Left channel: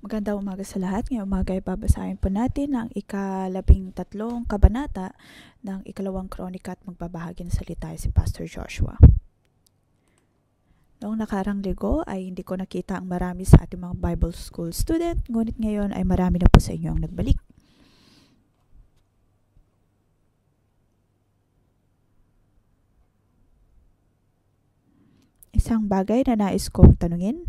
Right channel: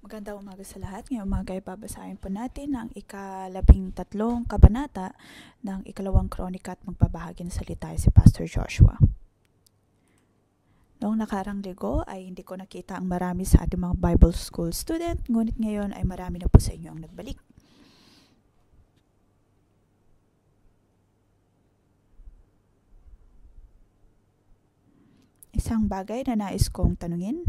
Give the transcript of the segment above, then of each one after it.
Magandang umaga sa lahat. Ngayong umaga ay babasahin po natin ang ika-13 kabanata ng ikalawang kronika at magbabahagi ng salita si Pastor Joshua. Noong nakarang linggo ay hindi ko nakita ang marami sa ating mga Bible School student, ngunit ngayon ay marami na po sa inyo ang nagbalik. Isang bagay na nais kong tanungin.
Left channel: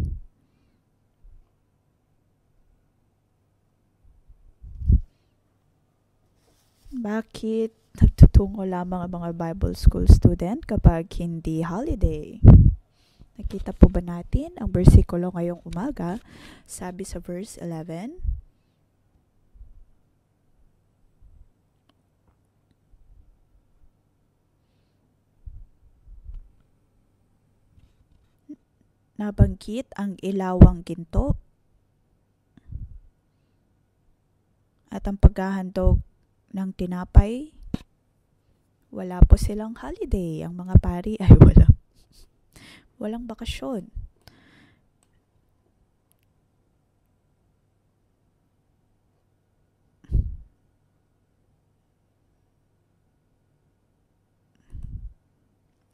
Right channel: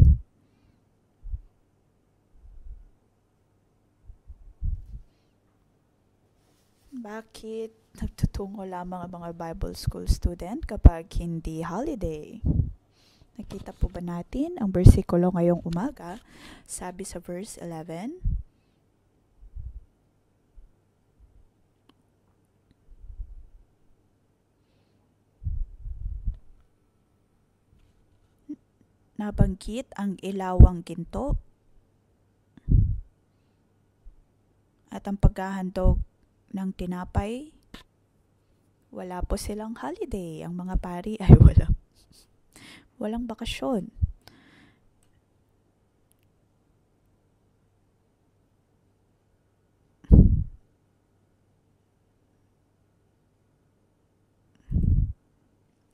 Bakit nagtutungo lamang ang mga Bible School student kapag hindi holiday? Nakita po ba natin ang bersikulo ngayong umaga? Sabi sa verse 11, nabanggit ang ilawang ginto at ang paghahandog ng tinapay. Wala po silang holiday. Ang mga pari ay walang bakasyon.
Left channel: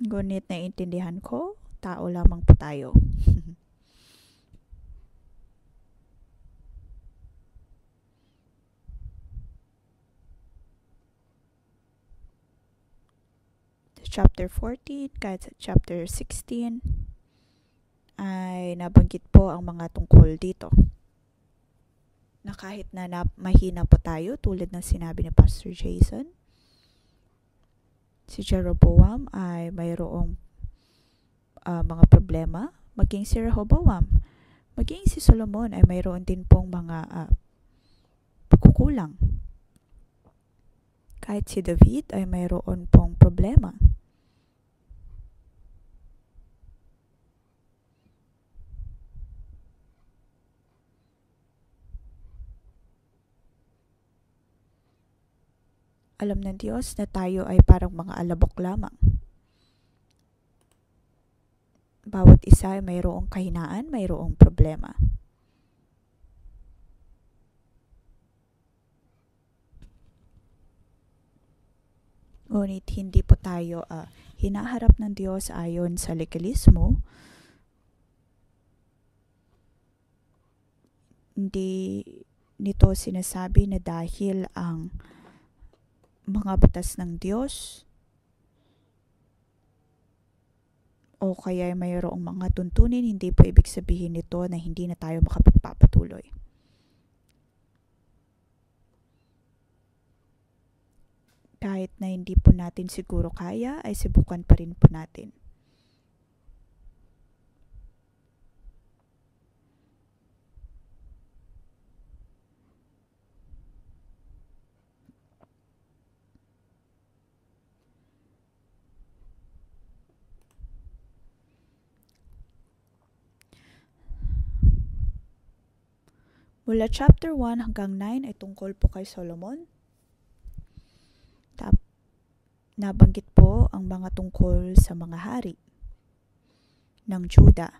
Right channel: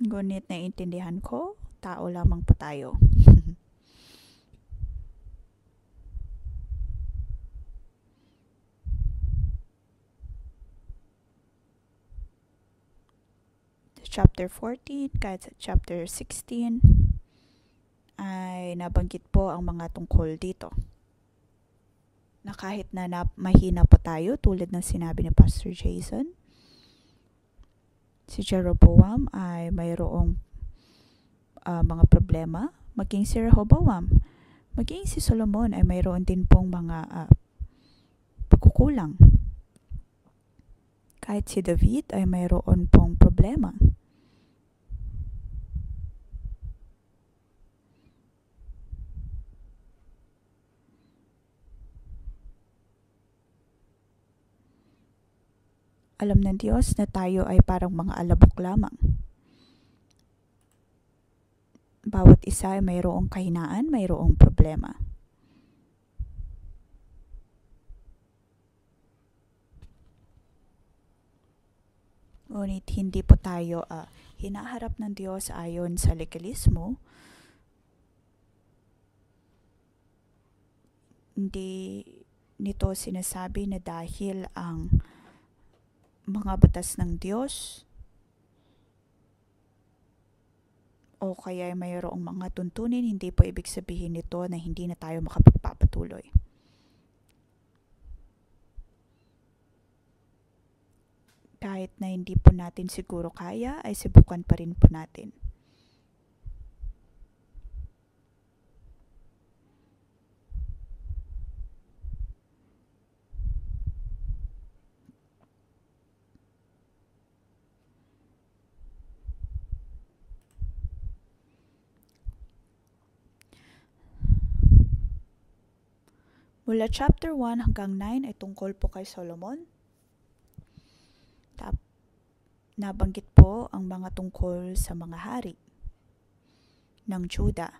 Ngunit naiintindihan ko, tao lamang po tayo. Chapter 14, kahit sa chapter 16, ay nabanggit po ang mga tungkol dito. Na kahit na mahina po tayo, tulad ng sinabi ni Pastor Jason, si Jeroboam ay mayroong mga problema, maging si Rehoboam, maging si Solomon ay mayroon din pong mga pagkukulang. Kahit si David ay mayroon pong problema. Alam ng Diyos na tayo ay parang mga alabok lamang. Bawat isa ay mayroong kahinaan, mayroong problema. Ngunit hindi po tayo hinaharap ng Diyos ayon sa legalismo. Hindi nito sinasabi na dahil ang mga batas ng Diyos o kaya mayroong mga tuntunin, hindi po ibig sabihin nito na hindi na tayo makapagpapatuloy. Kahit na hindi po natin siguro kaya, ay subukan pa rin po natin. Mula chapter 1 hanggang 9 ay tungkol po kay Solomon. Nabanggit po ang mga tungkol sa mga hari ng Juda.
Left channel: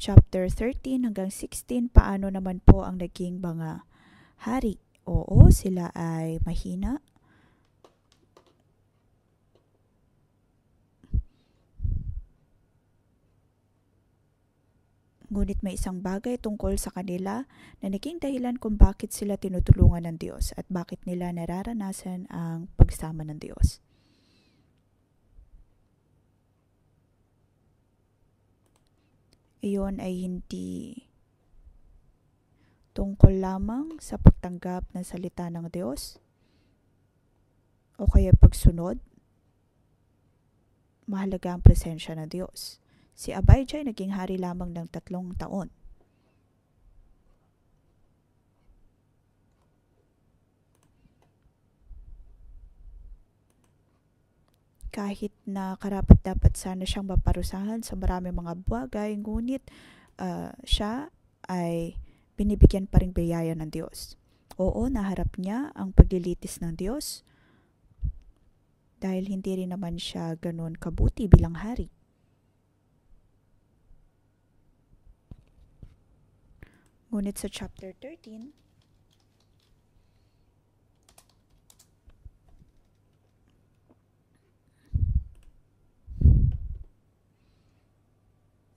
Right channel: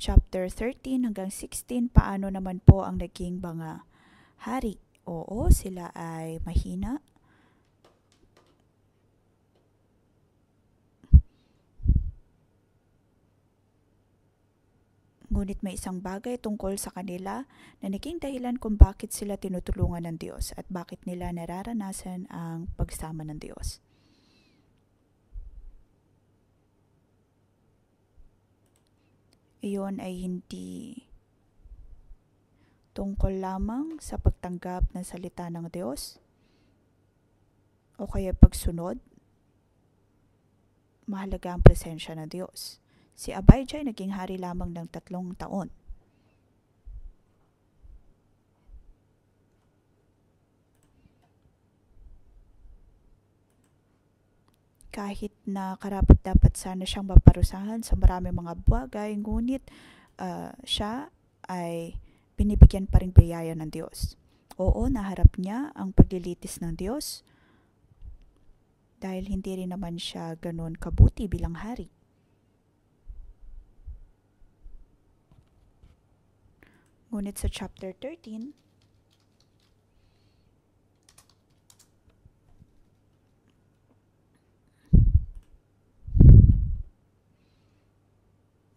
Chapter 13 hanggang 16, paano naman po ang naging mga hari? Oo, sila ay mahina. Ngunit may isang bagay tungkol sa kanila na naging dahilan kung bakit sila tinutulungan ng Diyos at bakit nila nararanasan ang pagsama ng Diyos. Iyon ay hindi tungkol lamang sa pagtanggap ng salita ng Diyos o kaya pagsunod. Mahalaga ang presensya ng Diyos. Si Abijah ay naging hari lamang ng 3 taon. Kahit na karapat-dapat sana siyang maparusahan sa maraming mga bagay, ngunit siya ay binibigyan pa rin biyaya ng Diyos. Oo, naharap niya ang paglilitis ng Diyos dahil hindi rin naman siya ganun kabuti bilang hari. Ngunit sa chapter 13,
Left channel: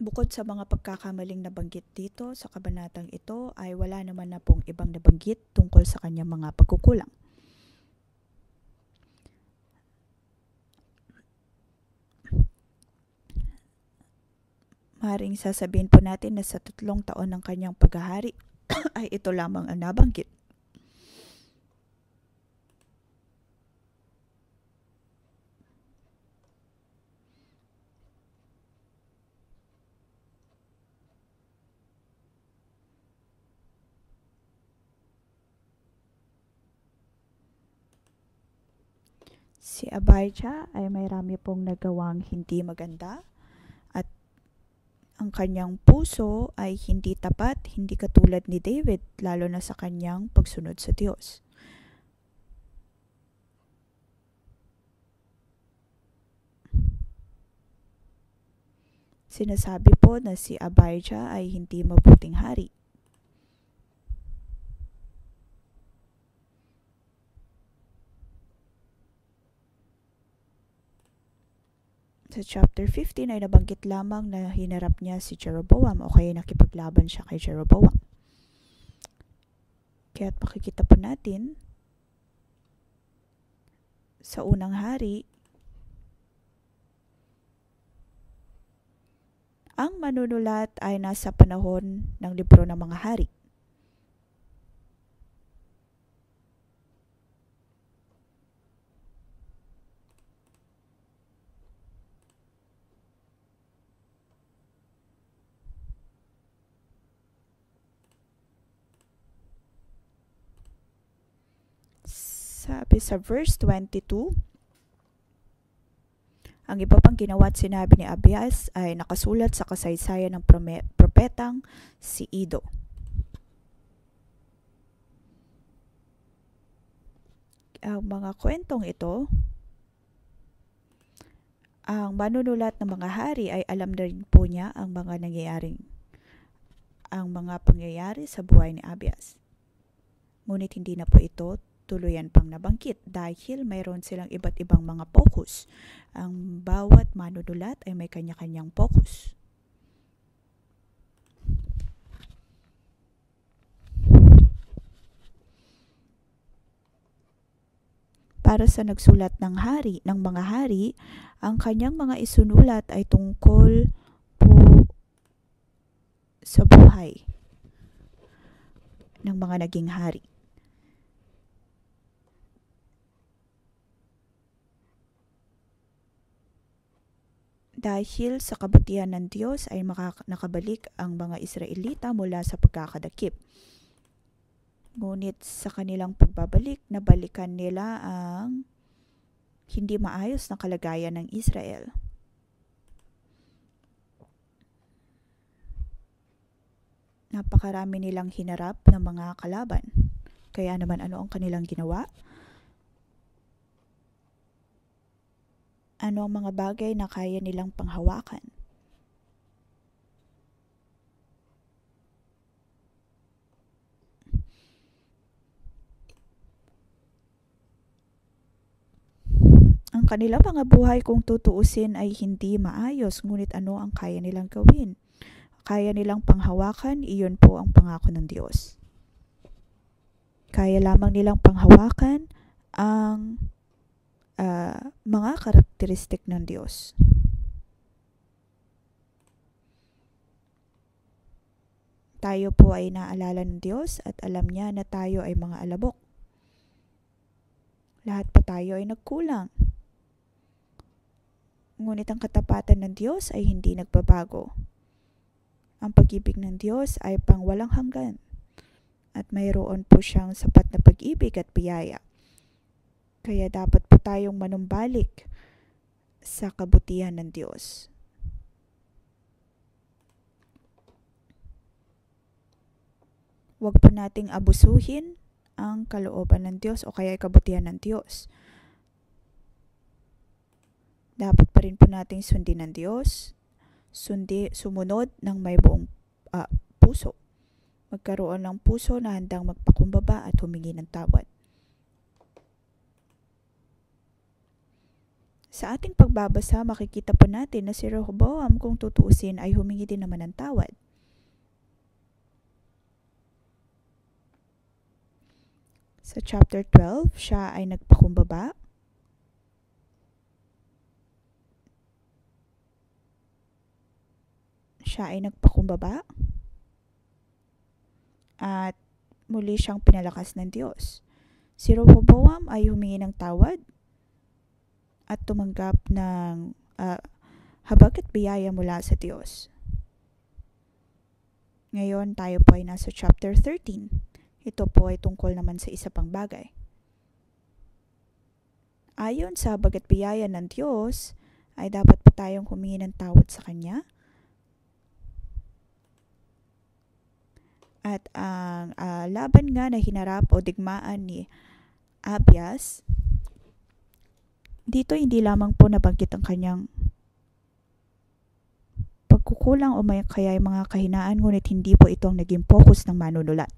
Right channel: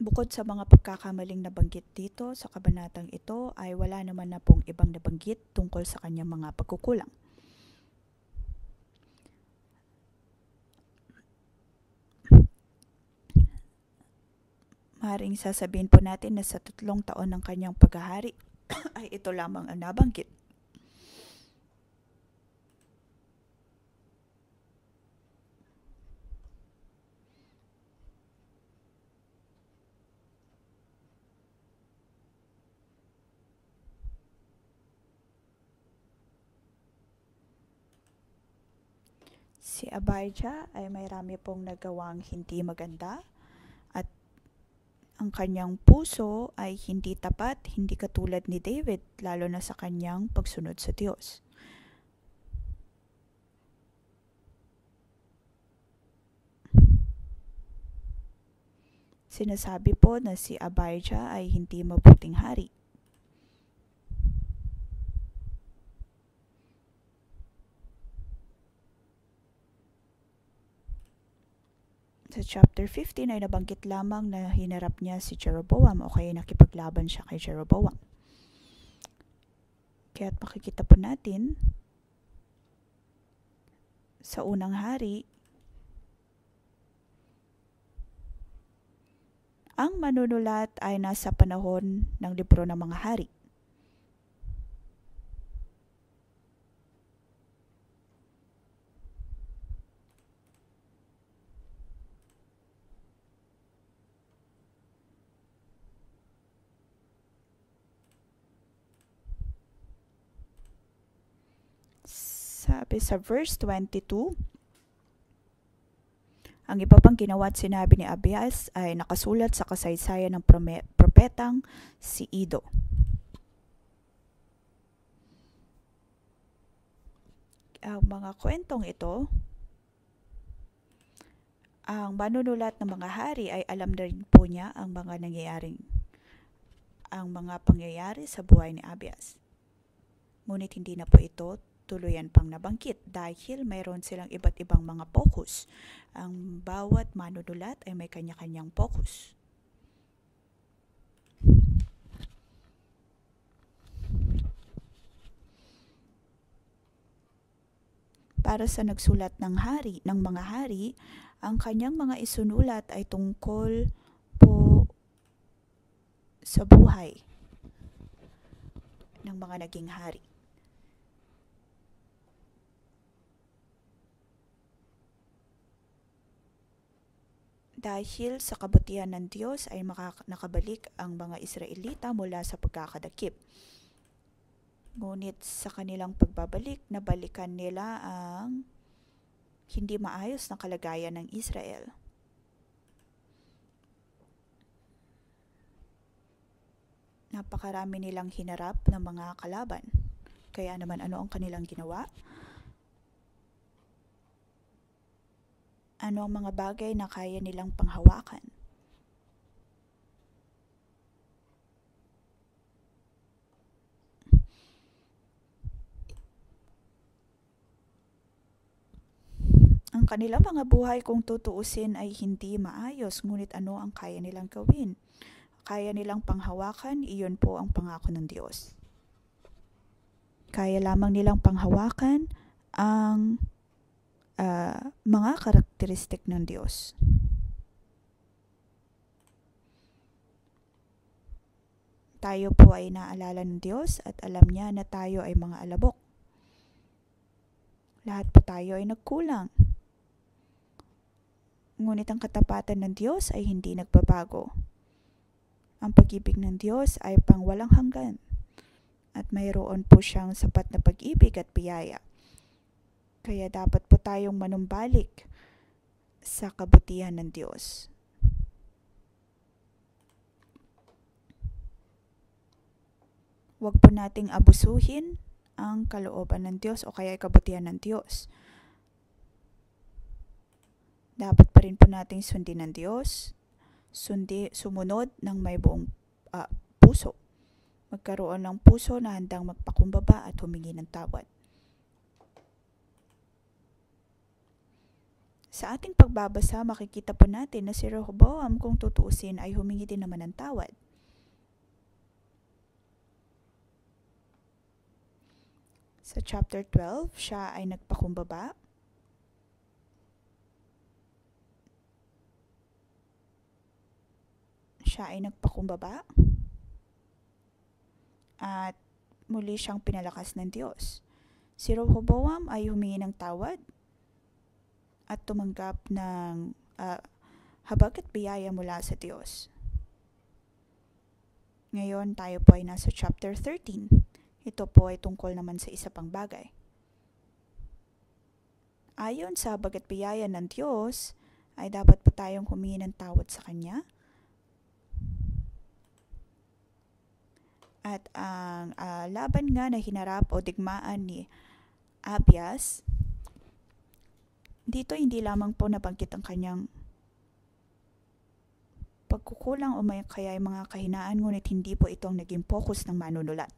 bukod sa mga pagkakamaling nabanggit dito sa kabanatang ito ay wala naman na pong ibang nabanggit tungkol sa kanyang mga pagkukulang. Maaaring sasabihin po natin na sa 3 taon ng kanyang paghahari ay ito lamang ang nabanggit. Si Abijah ay may rami pong nagawang hindi maganda at ang kanyang puso ay hindi tapat, hindi katulad ni David, lalo na sa kanyang pagsunod sa Diyos. Sinasabi po na si Abijah ay hindi mabuting hari. Sa chapter 15 ay nabanggit lamang na hinarap niya si Jeroboam o kaya nakipaglaban siya kay Jeroboam. Kaya't makikita po natin sa unang hari, ang manunulat ay nasa panahon ng libro ng mga hari. Sabi sa verse 22, ang iba pang ginawa at sinabi ni Abias ay nakasulat sa kasaysayan ng propetang si Ido. Ang mga kwentong ito, ang manunulat ng mga hari ay alam na rin po niya ang mga pangyayari sa buhay ni Abias. Ngunit hindi na po ito tuluyan pang nabanggit dahil mayroon silang iba't ibang mga focus. Ang bawat manunulat ay may kanya-kanyang focus. Para sa nagsulat ng mga hari, ang kanyang mga isunulat ay tungkol po sa buhay ng mga naging hari. Dahil sa kabutihan ng Diyos ay nakabalik ang mga Israelita mula sa pagkakadakip. Ngunit sa kanilang pagbabalik, nabalikan nila ang hindi maayos na kalagayan ng Israel. Napakarami nilang hinarap ng mga kalaban. Kaya naman ano ang kanilang ginawa? Ano ang mga bagay na kaya nilang panghawakan? Ang kanilang mga buhay kung tutuusin ay hindi maayos, ngunit ano ang kaya nilang gawin? Kaya nilang panghawakan, iyon po ang pangako ng Diyos. Kaya lamang nilang panghawakan ang mga karakteristik ng Diyos. Tayo po ay naalala ng Diyos at alam niya na tayo ay mga alabok. Lahat po tayo ay nagkulang. Ngunit ang katapatan ng Diyos ay hindi nagbabago. Ang pag-ibig ng Diyos ay pangwalang hanggan at mayroon po siyang sapat na pag-ibig at biyaya. Kaya dapat po tayong manumbalik sa kabutihan ng Diyos. Huwag po nating abusuhin ang kalooban ng Diyos o kaya kabutihan ng Diyos. Dapat pa rin po nating sundin ng Diyos, sumunod ng may buong puso. magkaroon ng puso na handang magpakumbaba at humingi ng tawad. Sa ating pagbabasa, makikita po natin na si Rehoboam, kung tutuusin, ay humingi din naman ng tawad. Sa chapter 12, siya ay nagpakumbaba. At muli siyang pinalakas ng Diyos. Si Rehoboam ay humingi ng tawad at tumanggap ng habag at biyaya mula sa Diyos. Ngayon tayo po ay nasa chapter 13. Ito po ay tungkol naman sa isa pang bagay. Ayon sa habag at biyaya ng Diyos, ay dapat pa tayong humingi ng tawad sa Kanya. At ang laban nga na hinarap o digmaan ni Abias, dito hindi lamang po nabanggit ang kanyang pagkukulang o kaya mga kahinaan, ngunit hindi po ito ang naging focus ng manunulat.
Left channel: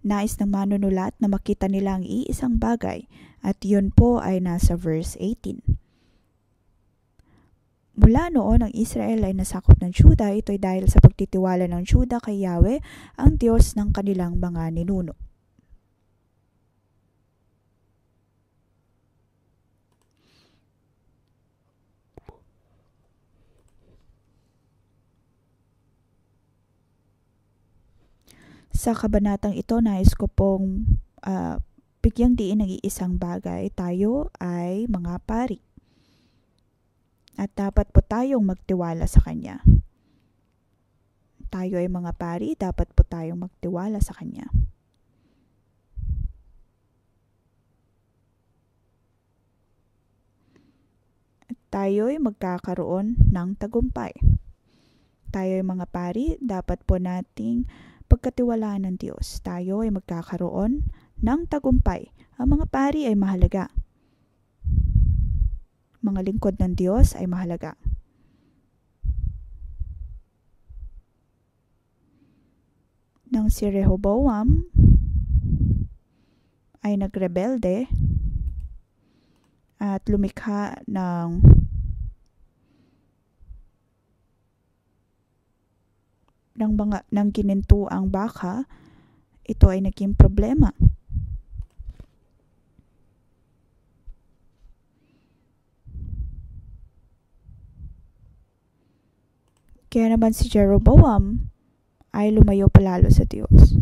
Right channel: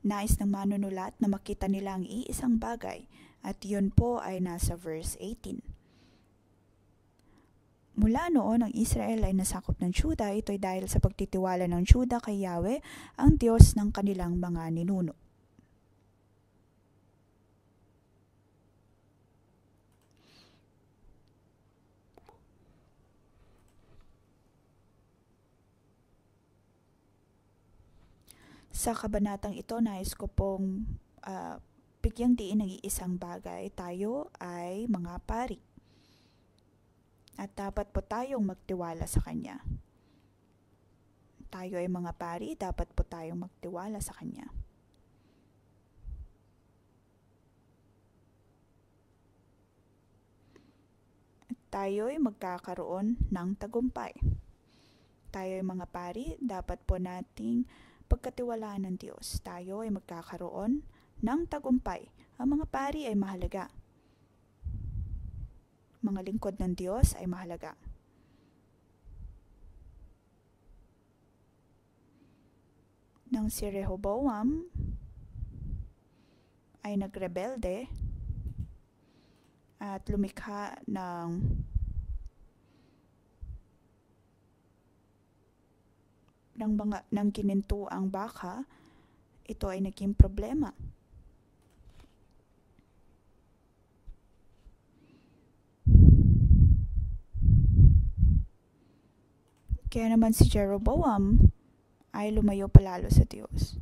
Nais ng manunulat na makita nila ang iisang bagay at yun po ay nasa verse 18. Mula noon, ang Israel ay nasakop ng Juda. Ito ay dahil sa pagtitiwala ng Juda kay Yahweh, ang Diyos ng kanilang mga ninuno. Sa kabanatang ito, nais ko pong bigyang diin ng iisang bagay. Tayo ay mga pari. At dapat po tayong magtiwala sa Kanya. Tayo ay mga pari, dapat po tayong magtiwala sa Kanya. At tayo ay magkakaroon ng tagumpay. Tayo ay mga pari, dapat po nating pagkatiwalaan ng Diyos. Tayo ay magkakaroon ng tagumpay. Ang mga pari ay mahalaga. Mga lingkod ng Diyos ay mahalaga. Nang si Rehoboam ay nagrebelde at lumikha ng ginintuang baka, ito ay naging problema. Kaya naman si Jeroboam ay lumayo palalo sa Diyos.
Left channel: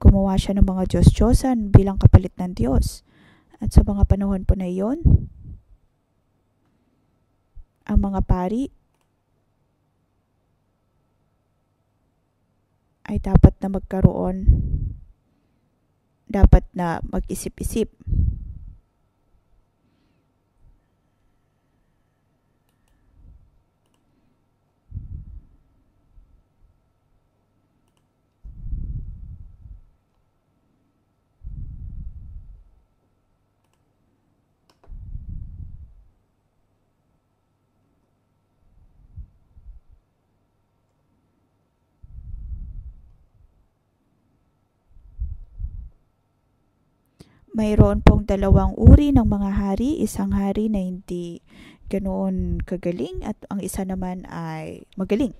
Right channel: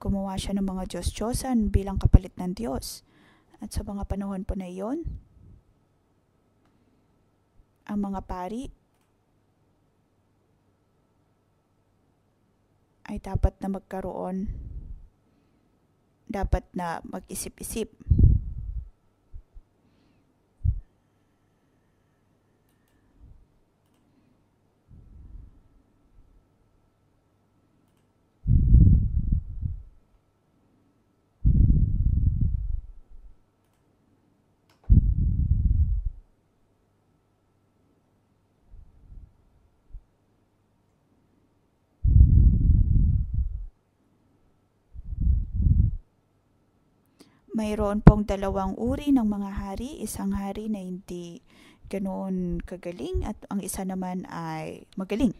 Gumawa siya ng mga Diyos-Diyosan bilang kapalit ng Diyos. At sa mga panahon po na iyon, ang mga pari ay dapat na mag-isip-isip. Mayroon pong dalawang uri ng mga hari. Isang hari na hindi ganoon kagaling at ang isa naman ay magaling.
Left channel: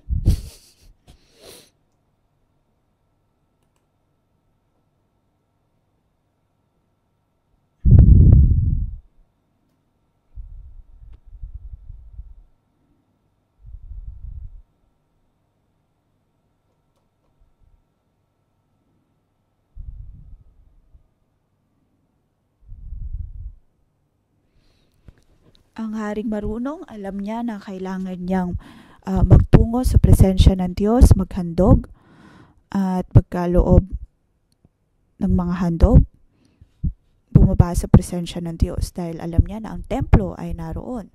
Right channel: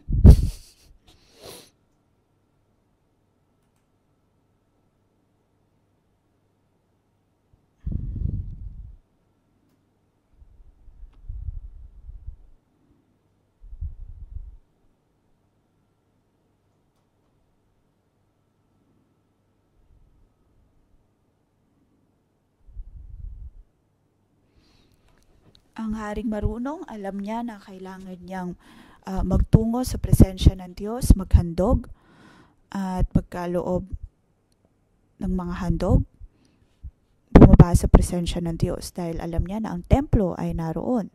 Ang haring marunong, alam niya na kailangan niyang magtungo sa presensya ng Diyos, maghandog at pagkaloob ng mga handog, bumaba sa presensya ng Diyos dahil alam niya na ang templo ay naroon.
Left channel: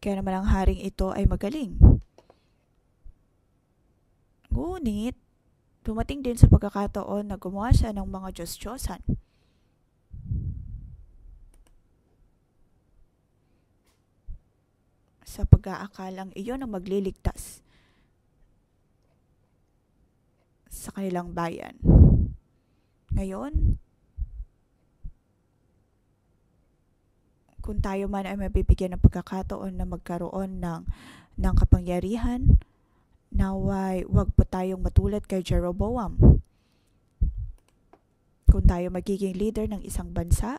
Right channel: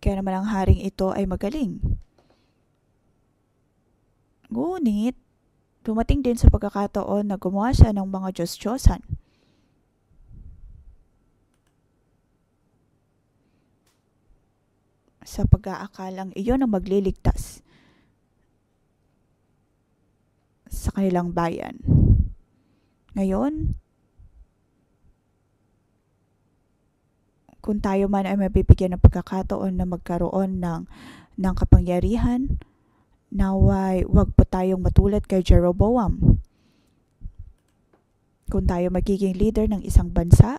Kaya naman ang haring ito ay magaling. Ngunit, dumating din sa pagkakataon na gumawa siya ng mga Diyos-Diyosan. Sa pag-aakalang iyon ang magliligtas sa kanilang bayan. Ngayon, kung tayo man ay mabibigyan ng pagkakataon na magkaroon ng kapangyarihan, naway wag po tayong matulad kay Jeroboam. Kung tayo magiging leader ng isang bansa,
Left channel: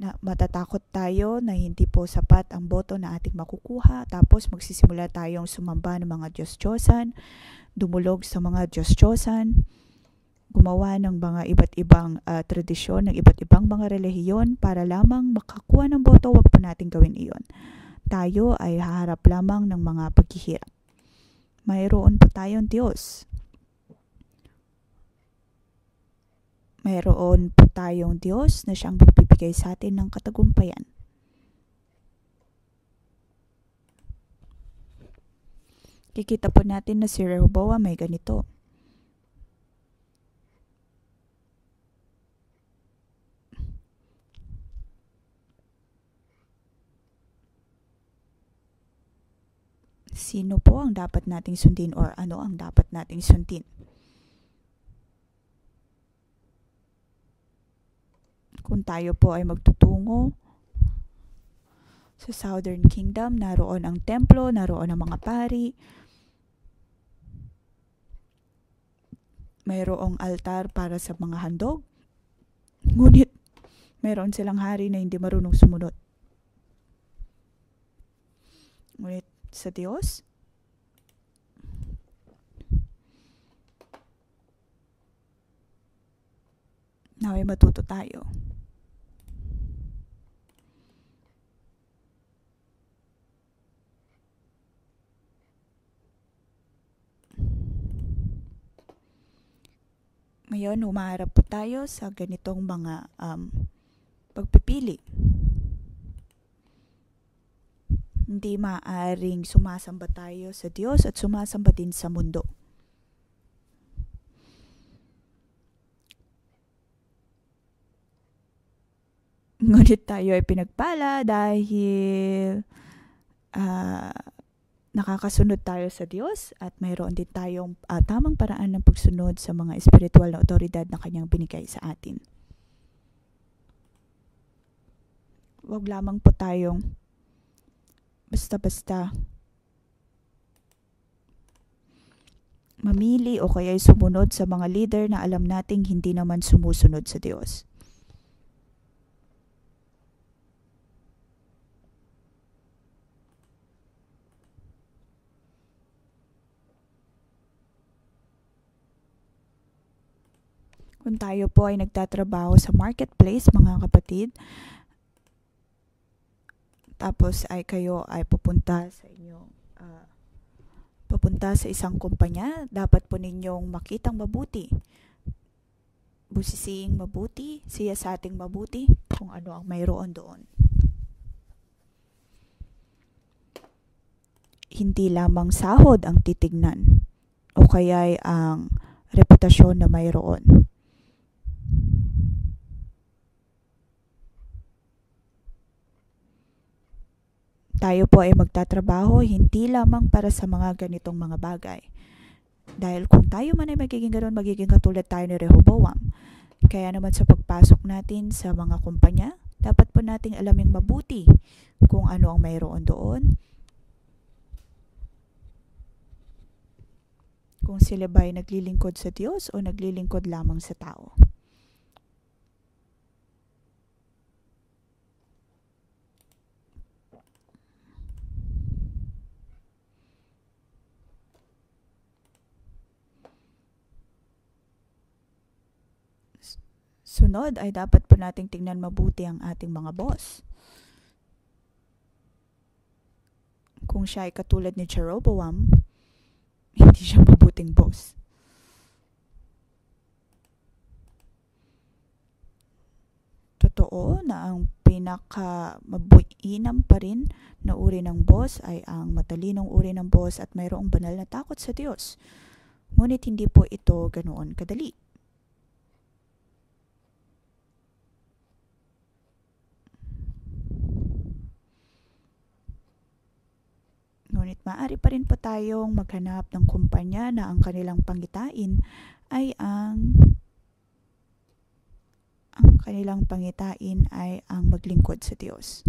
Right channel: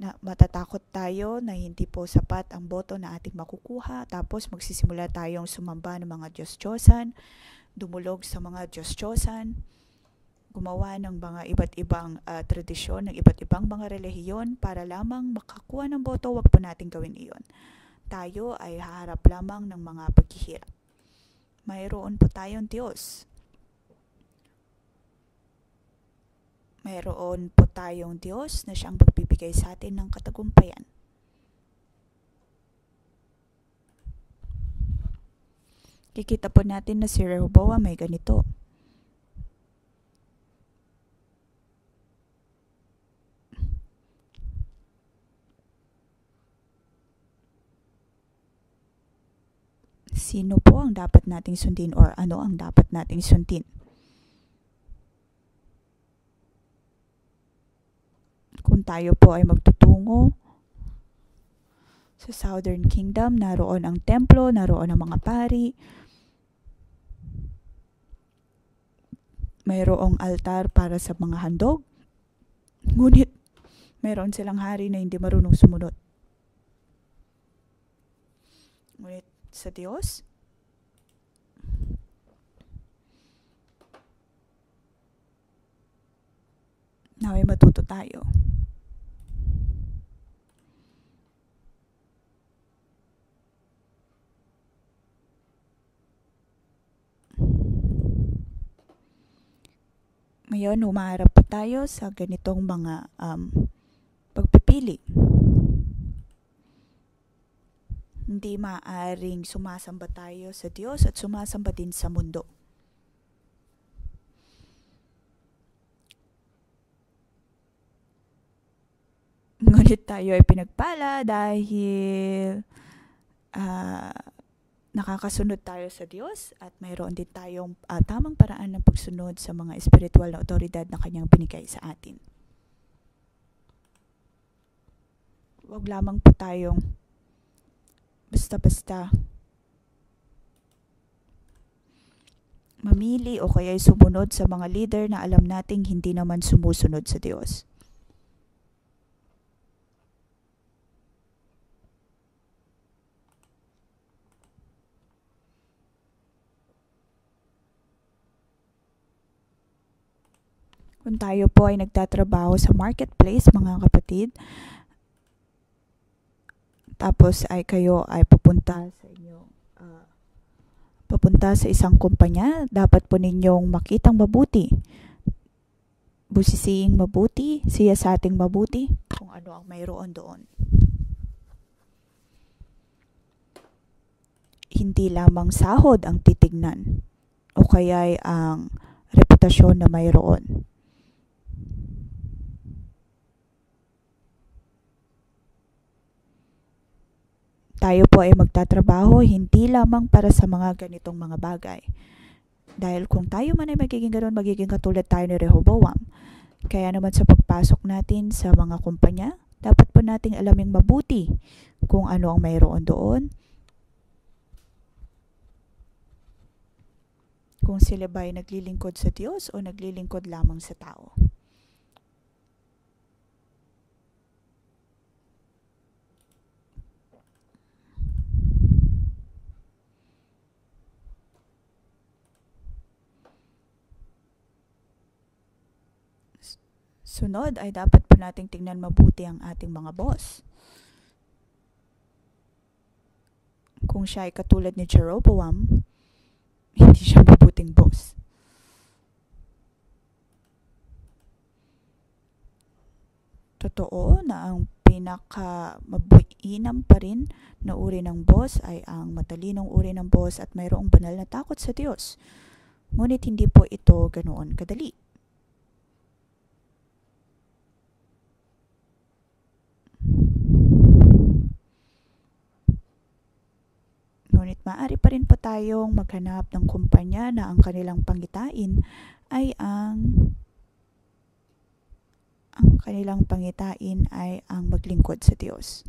na matatakot tayo na hindi po sapat ang boto na ating makukuha, tapos magsisimula tayong sumamba ng mga Diyos-Diyosan, dumulog sa mga Diyos-Diyosan, gumawa ng mga iba't ibang tradisyon, ng iba't ibang mga relihiyon para lamang makakuha ng boto. Wag po natin gawin iyon. Tayo ay haharap lamang ng mga paghihirap. Mayroon po tayong Diyos. Mayroon po tayong Diyos na siyang magbibigay sa atin ng katagumpayan. Kikita po natin na si Rehoboam may ganito. Sino po ang dapat nating sundin or ano ang dapat nating sundin? Kung tayo po ay magtutungo sa Southern Kingdom, naroon ang templo, naroon ang mga pari, mayroong altar para sa mga handog, ngunit mayroon silang hari na hindi marunong sumunod. Ngunit sa Diyos, naway matuto tayo. Ngayon, humaharap po tayo sa ganitong mga pagpipili. Hindi maaaring sumasamba tayo sa Diyos at sumasamba din sa mundo. Ngunit tayo ay pinagpala dahil nakakasunod tayo sa Diyos at mayroon din tayong tamang paraan ng pagsunod sa mga espiritual na otoridad na Kanyang binigay sa atin. Huwag lamang po tayong basta-basta mamili o kaya sumunod sa mga leader na alam nating hindi naman sumusunod sa Diyos. Kung tayo po ay nagtatrabaho sa marketplace, mga kapatid, tapos ay kayo ay papunta sa isang kumpanya, dapat po ninyong makitang mabuti, busisiing mabuti, siyasating mabuti kung ano ang mayroon doon. Hindi lamang sahod ang titignan o kaya'y ang reputasyon na mayroon. Tayo po ay magtatrabaho hindi lamang para sa mga ganitong mga bagay. Dahil kung tayo man ay magiging ganoon, magiging katulad tayo ni Rehoboam. Kaya naman sa pagpasok natin sa mga kumpanya, dapat po nating alaming mabuti kung ano ang mayroon doon. Kung sila ba ay naglilingkod sa Diyos o naglilingkod lamang sa tao. Sunod ay dapat po nating tingnan mabuti ang ating mga boss. Kung siya ay katulad ni Jeroboam, hindi siya mabuting boss. Totoo na ang pinaka-mabuinam pa rin na uri ng boss ay ang matalinong uri ng boss at mayroong banal na takot sa Diyos. Ngunit hindi po ito ganoon kadali. Ngunit maaari pa rin po tayong maghanap ng kumpanya na ang kanilang pangitain ay ang maglingkod sa Diyos.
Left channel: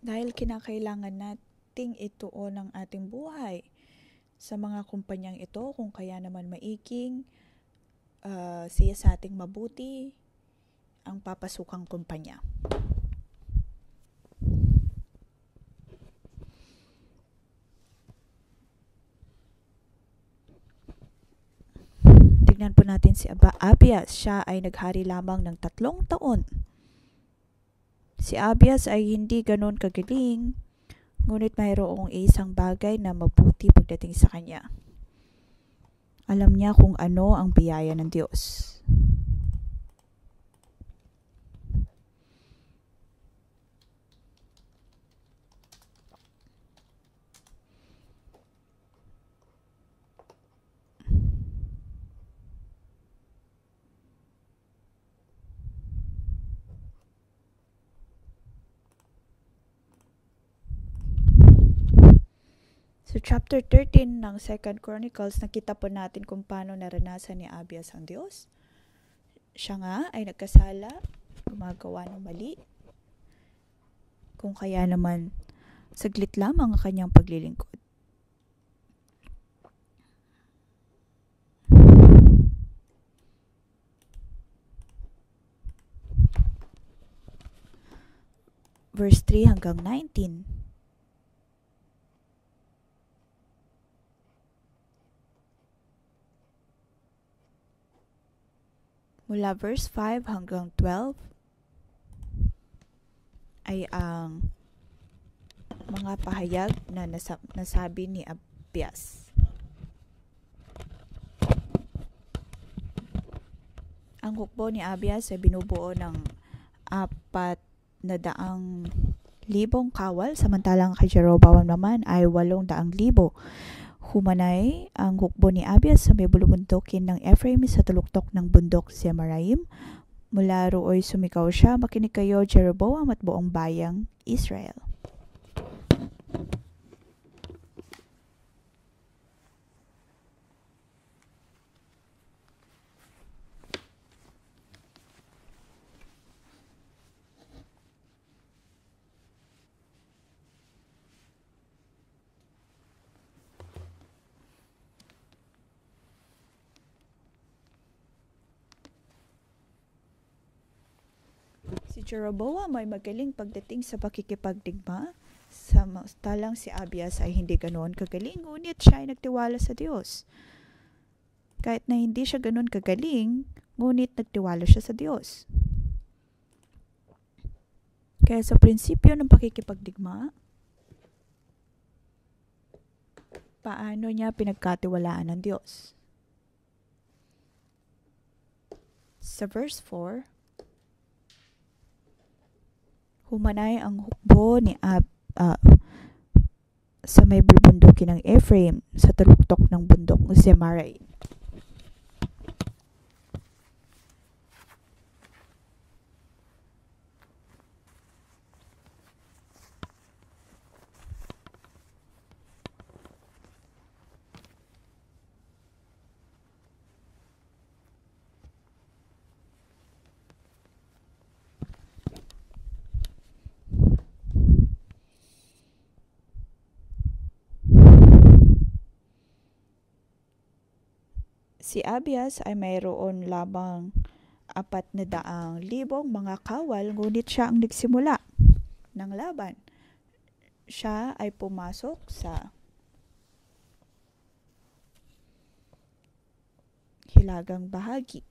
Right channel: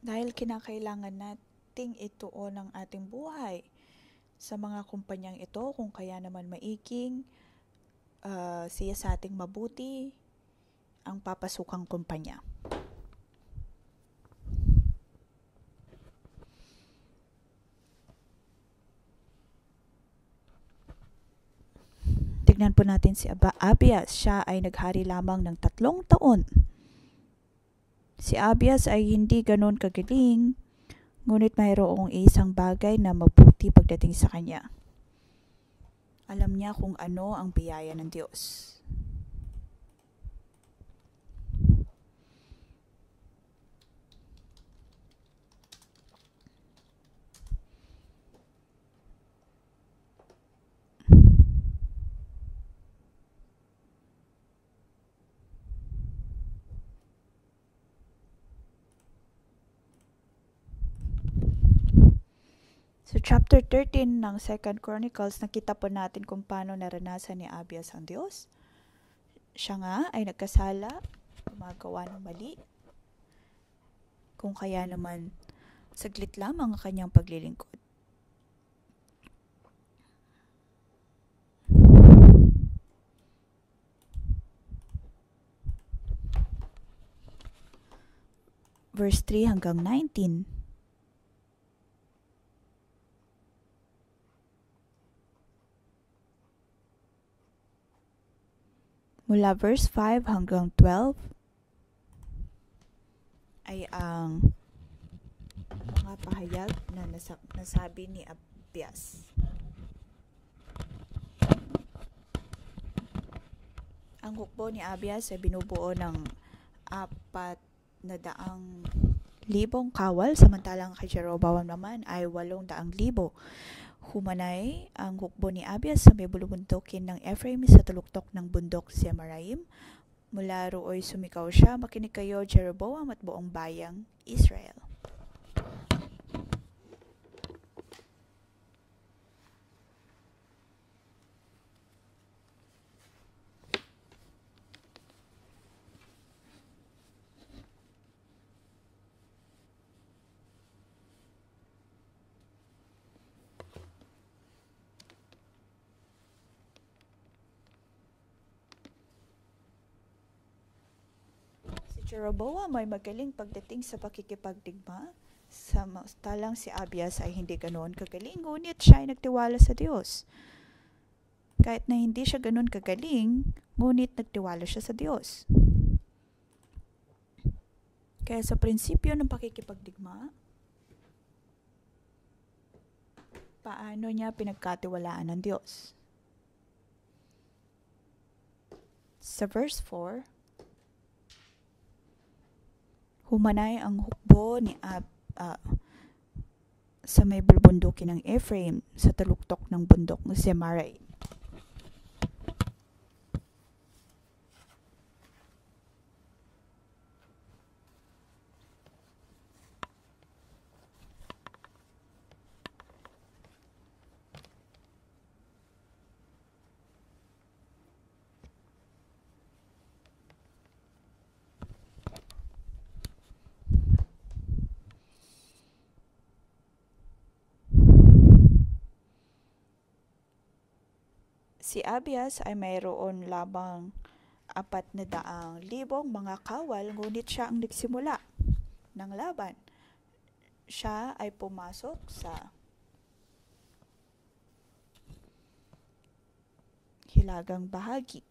Dahil kinakailangan nating ituon ang ating buhay sa mga kumpanyang ito, kung kaya naman maiking siya sa ating mabuti ang papasukang kumpanya. Tignan po natin si Abias. Siya ay naghari lamang ng 3 taon. Si Abias ay hindi ganon kagaling, ngunit mayroong isang bagay na mabuti pagdating sa kanya. Alam niya kung ano ang biyaya ng Diyos. Sa chapter 13 ng 2 Chronicles, nakita po natin kung paano naranasan ni Abias ang Diyos. Siya nga ay nagkasala, gumagawa ng mali. Kung kaya naman, saglit lamang ang kanyang paglilingkod. Verse 3 hanggang 19. Mula verse 5 hanggang 12 ay ang mga pahayag na nasabi ni Abias. Ang hukbo ni Abias ay binubuo ng 400,000 kawal, samantalang kay Jeroboam naman ay 800,000. Humanay ang hukbo ni Abias sa may bulubundukin ng Ephraim sa tuluktok ng bundok Zemaraim. Mula rooy sumikaw siya, "Makinig kayo, Jeroboam at buong bayang Israel." Si Jeroboam ay magaling pagdating sa pakikipagdigma, samantalang si Abias ay hindi ganoon kagaling, ngunit siya ay nagtiwala sa Diyos. Kahit na hindi siya ganoon kagaling, ngunit nagtiwala siya sa Diyos. Kaya sa prinsipyo ng pakikipagdigma, paano niya pinagkatiwalaan ng Diyos? Sa verse 4, humanay ang hukbo ni sa may bulubundukin ng Ephraim sa tuluktok ng bundok ng Zemaraim. Si Abias ay mayroon lamang 400,000 mga kawal, ngunit siya ang nagsimula ng laban. Siya ay pumasok sa hilagang bahagi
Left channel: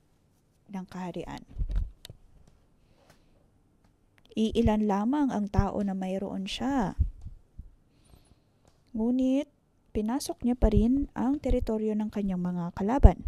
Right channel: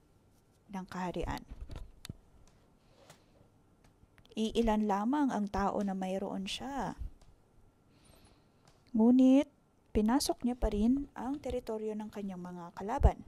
ng kaharian. Iilan lamang ang tao na mayroon siya. Ngunit pinasok niya pa rin ang teritoryo ng kanyang mga kalaban.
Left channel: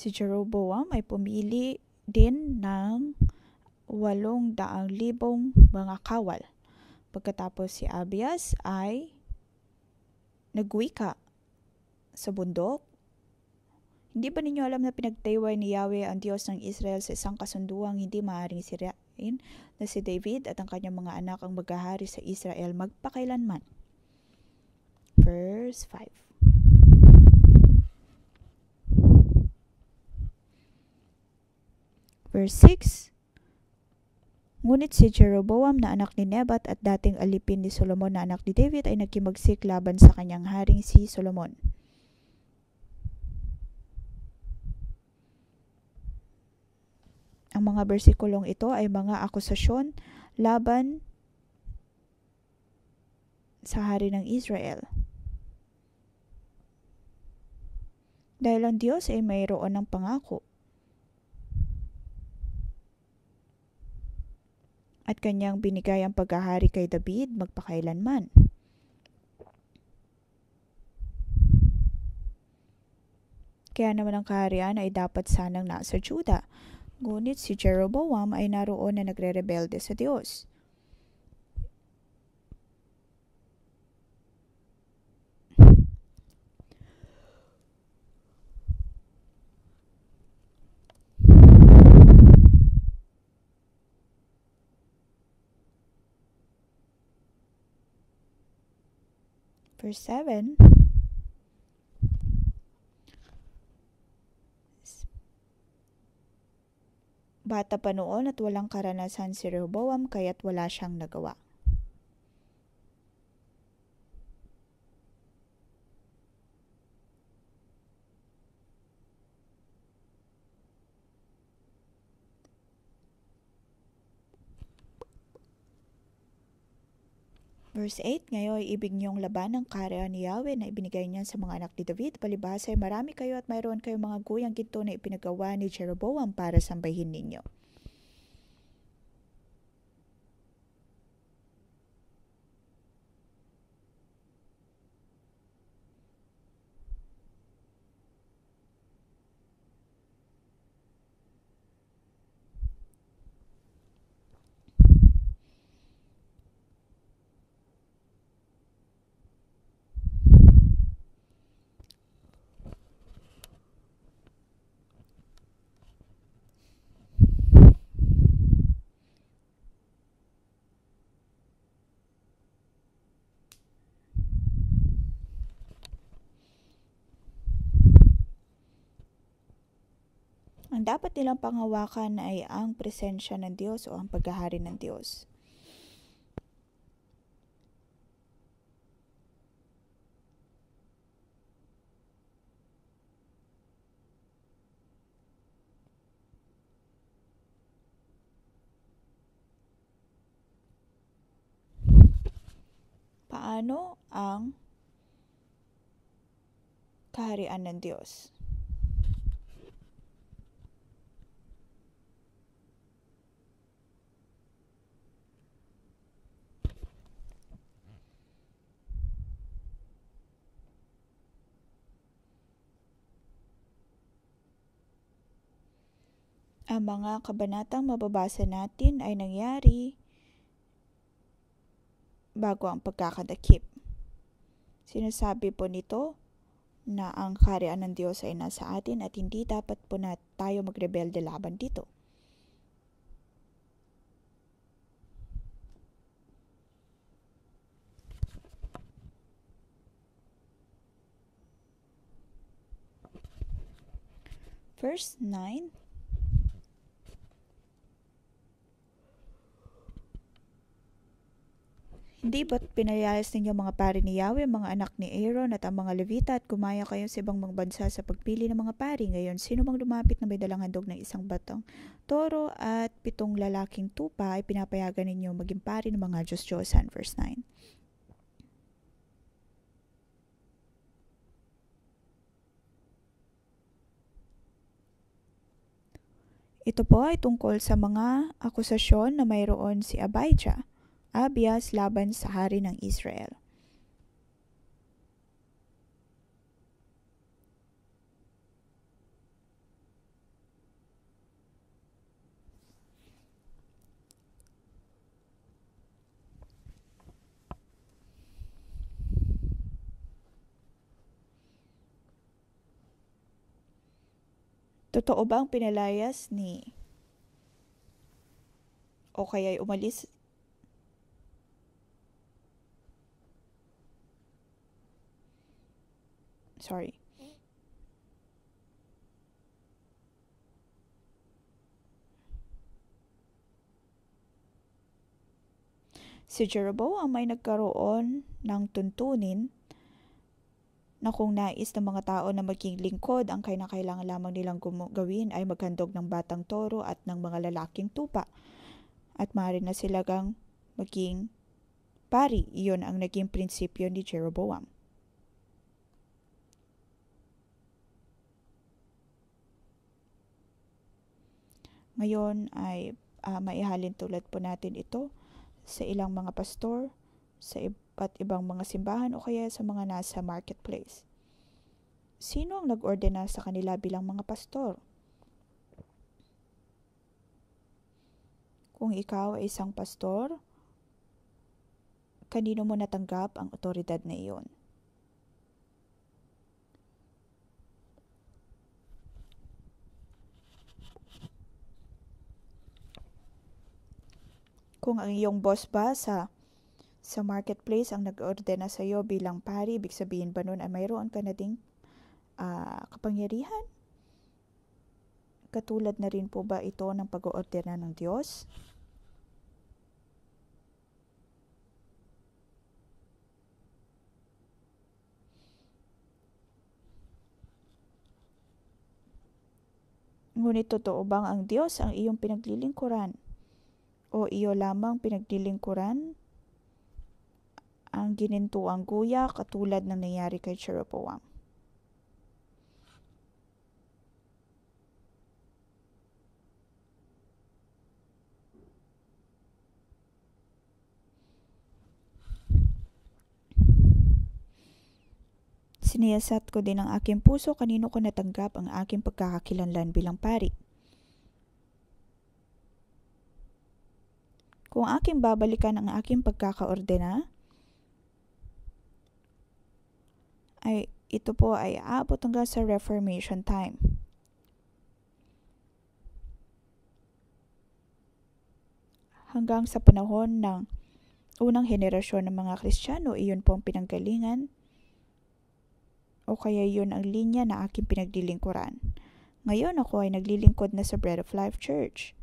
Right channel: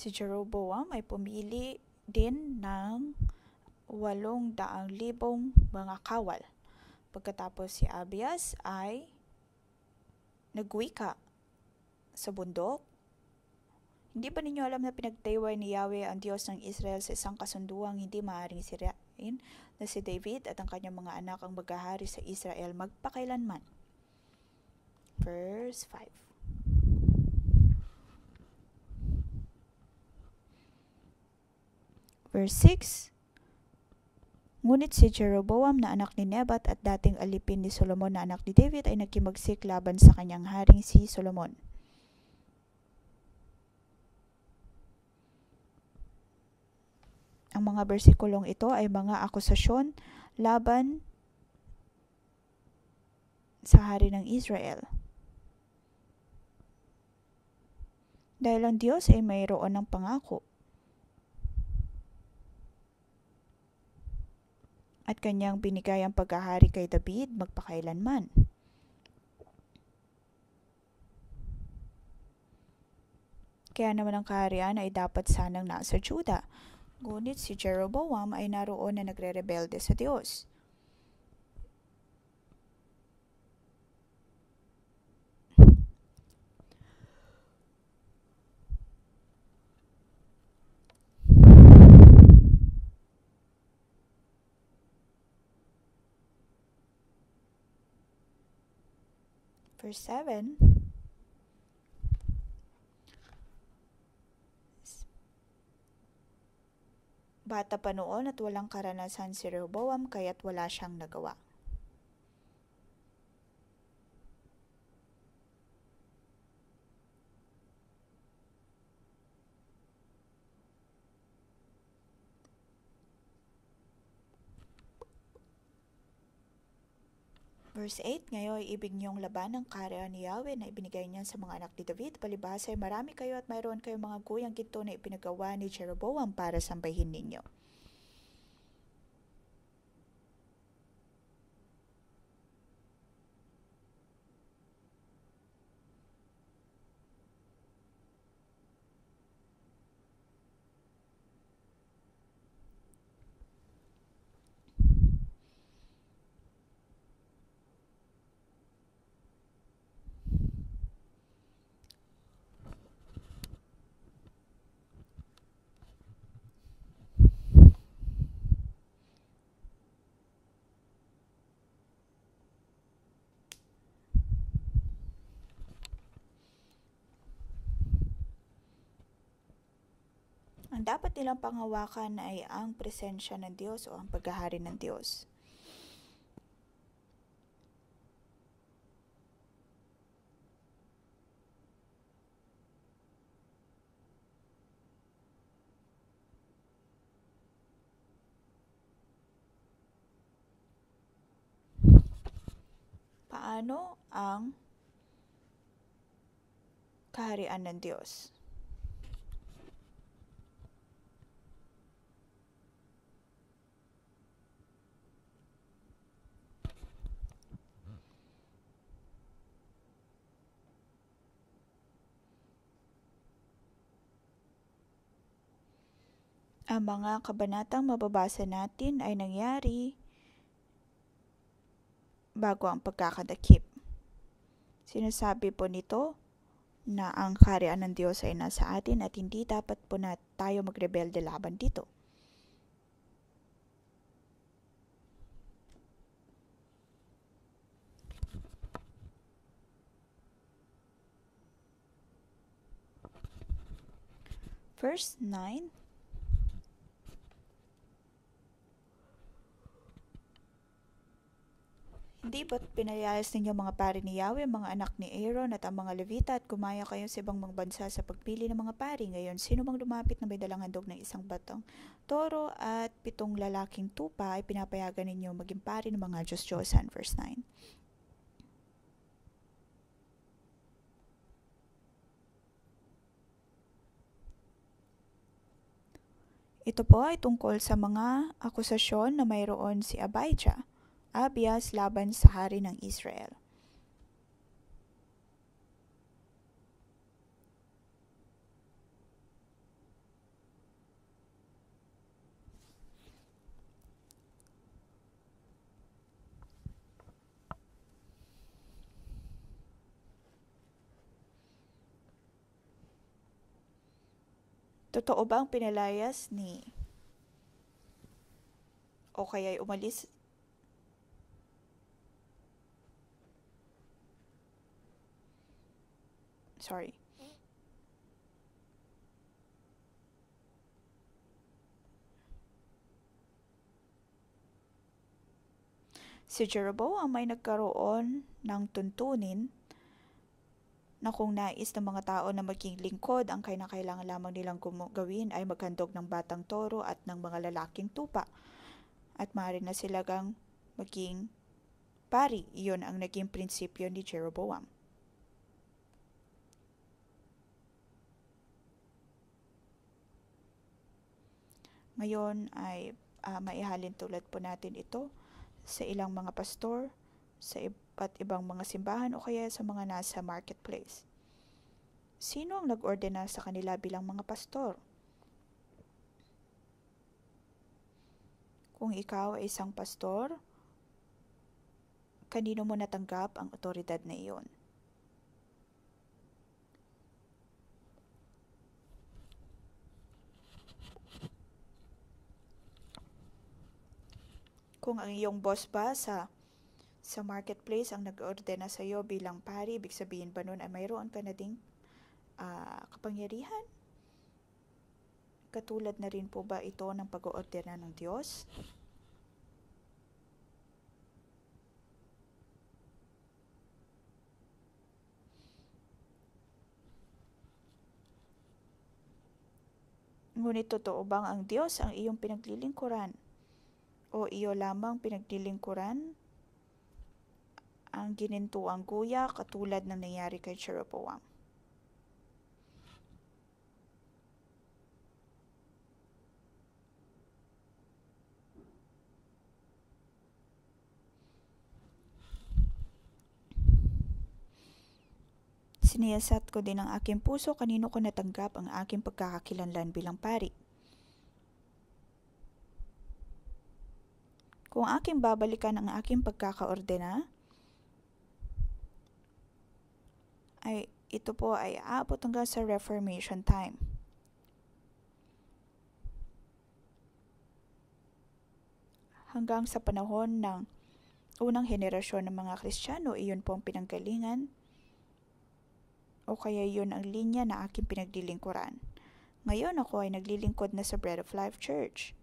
Si Jeroboam ay pumili din ng 800,000 mga kawal. Pagkatapos si Abias ay nagwika sa bundok. Hindi ba ninyo alam na pinagtayway ni Yahweh ang Diyos ng Israel sa isang kasunduang hindi maaaring sirain, na si David at ang kanyang mga anak ang maghahari sa Israel magpakailanman? Verse 5. Verse 6. Ngunit si Jeroboam na anak ni Nebat at dating alipin ni Solomon na anak ni David ay nagkimagsik laban sa kanyang haring si Solomon. Ang mga bersikulong ito ay mga akusasyon laban sa hari ng Israel. Dahil ang Diyos ay mayroon ng pangako at kanyang binigay ang paghahari kay David magpakailanman. Kaya naman ang kaharian ay dapat sanang nasa Juda. Ngunit si Jeroboam ay naroon na nagre-rebelde sa Diyos. Verse 7. Bata pa noon at walang karanasan si Rehoboam kaya't wala siyang nagawa. Verse 8, ngayon ay ibig niyong laban ng kaharian ni Yahweh na ibinigay niya sa mga anak ni David. Palibhas ay marami kayo at mayroon kayong mga guyang ginto na ipinagawa ni Jeroboam para sambahin ninyo. Ang dapat nilang panghawakan ay ang presensya ng Diyos o ang paghahari ng Diyos. Paano ang kaharian ng Diyos? Ang mga kabanatang mababasa natin ay nangyari bago ang pagkakadakip. Sinasabi po nito na ang kaharian ng Diyos ay nasa atin at hindi dapat po na tayo magrebelde laban dito. Verse 9. Di ba't pinalayas ninyo mga pari ni Yahweh, mga anak ni Aaron at ang mga Levita at gumaya kayo sa ibang mga bansa sa pagpili ng mga pari? Ngayon, sino mang lumapit na may dalang handog ng isang batang toro at 7 lalaking tupa ay pinapayagan ninyo maging pari ng mga Diyos-Diyosan. Verse 9. Ito po ay tungkol sa mga akusasyon na mayroon si Abias laban sa hari ng Israel. Totoo ba ang pinalayas ni o kaya'y umalis Si Jeroboam ay nagkaroon ng tuntunin na kung nais ng mga tao na maging lingkod, ang kailangan lamang nilang gawin ay maghandog ng batang toro at ng mga lalaking tupa. At maaari na silagang maging pari. Iyon ang naging prinsipyo ni Jeroboam. Ngayon ay maihalin tulad po natin ito sa ilang mga pastor, sa iba't ibang mga simbahan o kaya sa mga nasa marketplace. Sino ang nag-ordena sa kanila bilang mga pastor? Kung ikaw ay isang pastor, kanino mo natanggap ang otoridad na iyon? Kung ang iyong boss ba sa marketplace ang nag-ordena sa iyo bilang pari, ibig sabihin ba nun ay mayroon ka na ding kapangyarihan? Katulad na rin po ba ito ng pag-oordena ng Diyos? Ngunit totoo bang ang Diyos ang iyong pinaglilingkuran? O iyo lamang pinaglilingkuran ang ginintuang guya katulad ng nangyari kay Jeroboam? Siniyasat ko din ang aking puso kanino ko natanggap ang aking pagkakakilanlan bilang pari. Kung aking babalikan ang aking pagkakaordena, ay ito po ay aabot hanggang sa Reformation time. Hanggang sa panahon ng unang henerasyon ng mga Kristiyano, iyon po ang pinanggalingan o kaya iyon ang linya na aking pinaglilingkuran. Ngayon ako ay naglilingkod na sa Bread of Life Church.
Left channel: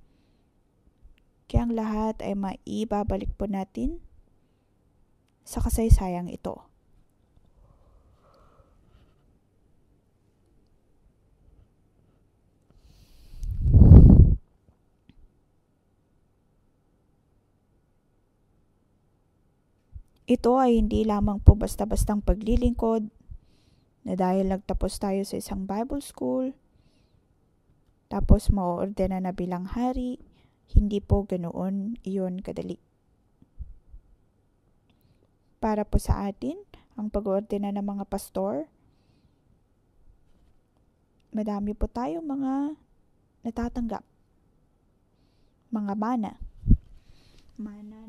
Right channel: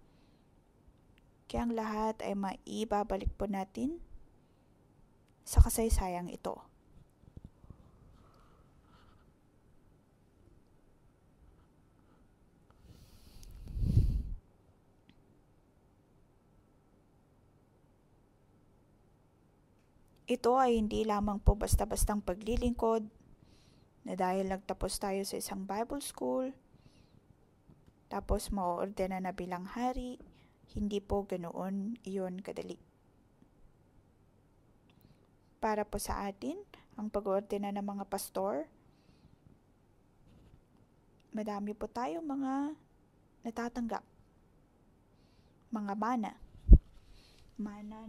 Kaya ang lahat ay maibabalik po natin sa kasaysayang ito. Ito ay hindi lamang po basta-bastang paglilingkod na dahil nagtapos tayo sa isang Bible school, tapos mauordena na bilang hari. Hindi po ganoon iyon kadali. Para po sa atin, ang pag-oordena ng mga pastor, madami po tayong mga natatanggap. Mga mana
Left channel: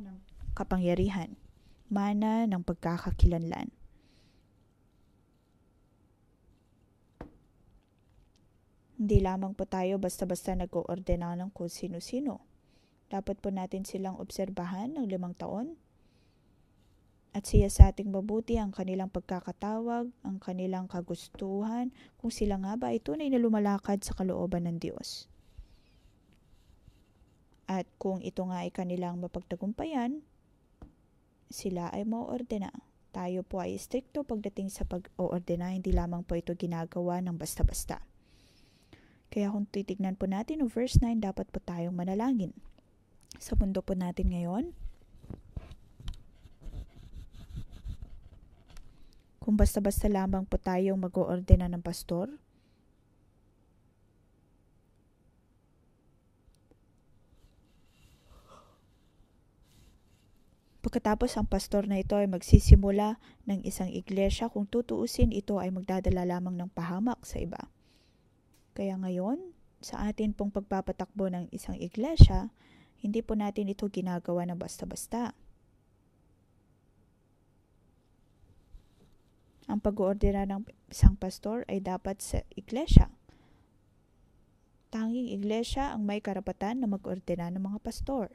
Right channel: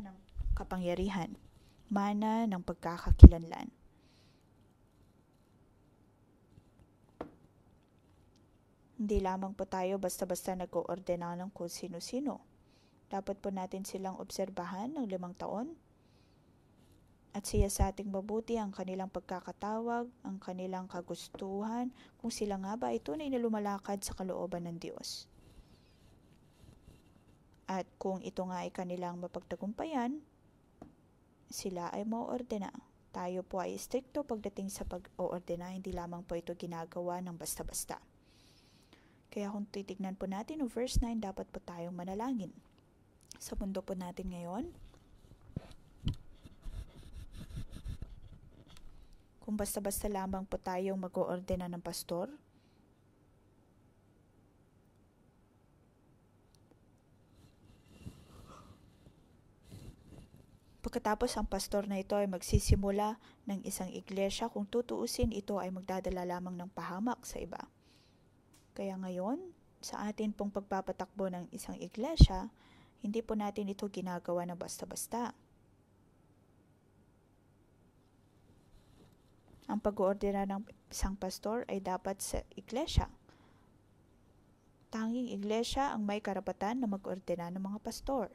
ng kapangyarihan, mana ng pagkakakilanlan. Hindi lamang po tayo basta-basta nag-oordena ng kung sino-sino. Dapat po natin silang obserbahan ng 5 taon at siyasating mabuti ang kanilang pagkakatawag, ang kanilang kagustuhan, kung sila nga ba ay tunay na lumalakad sa kalooban ng Diyos. At kung ito nga ay kanilang mapagtagumpayan, sila ay maordena. Tayo po ay stricto pagdating sa pag-oordena, hindi lamang po ito ginagawa ng basta-basta. Kaya kung titignan po natin ang verse 9, dapat po tayong manalangin. Sa mundo po natin ngayon, kung basta-basta lamang po tayong mag-oordena ng pastor, pagkatapos ang pastor na ito ay magsisimula ng isang iglesia, kung tutuusin, ito ay magdadala lamang ng pahamak sa iba. Kaya ngayon, sa atin pong pagpapatakbo ng isang iglesia, hindi po natin ito ginagawa ng basta-basta. Ang pag-oordena ng isang pastor ay dapat sa iglesia. Tanging iglesia ang may karapatan na mag-ordena ng mga pastor.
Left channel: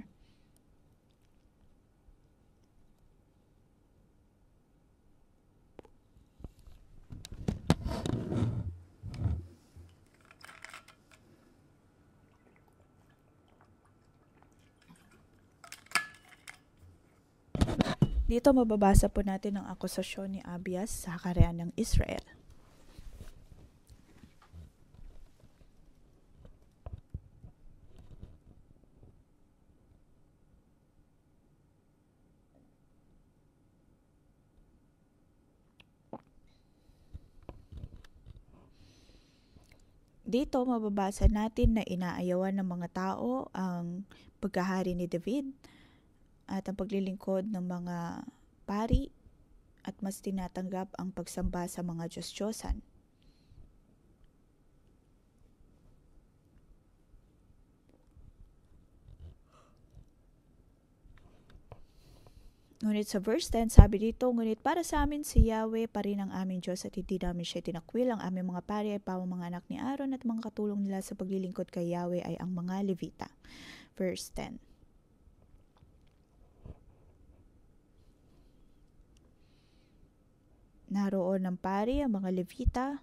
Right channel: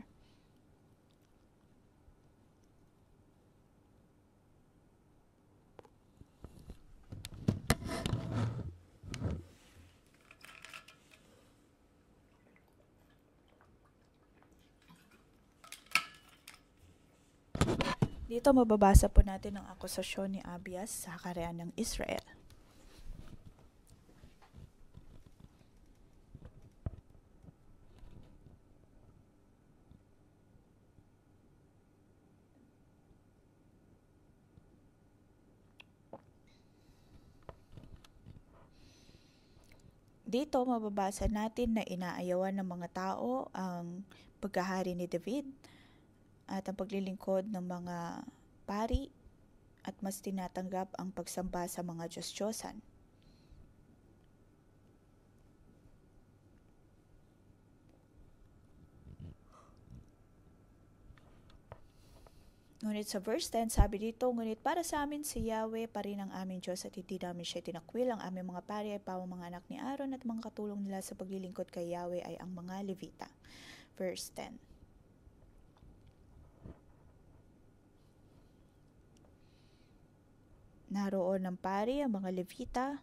Dito mababasa po natin ang akusasyon ni Abias sa kaharian ng Israel. Dito mababasa natin na inaayawan ng mga tao ang pagkahari ni David at ang paglilingkod ng mga pari at mas tinatanggap ang pagsamba sa mga Diyos-Diyosan. Ngunit sa verse 10, sabi dito, ngunit para sa amin si Yahweh pa rin ang aming Diyos at hindi namin siya tinakwil. Ang aming mga pari ay pawang mga anak ni Aaron at mga katulong nila sa paglilingkod kay Yahweh ay ang mga Levita. Verse 10. Naroon ng pari ang mga Levita.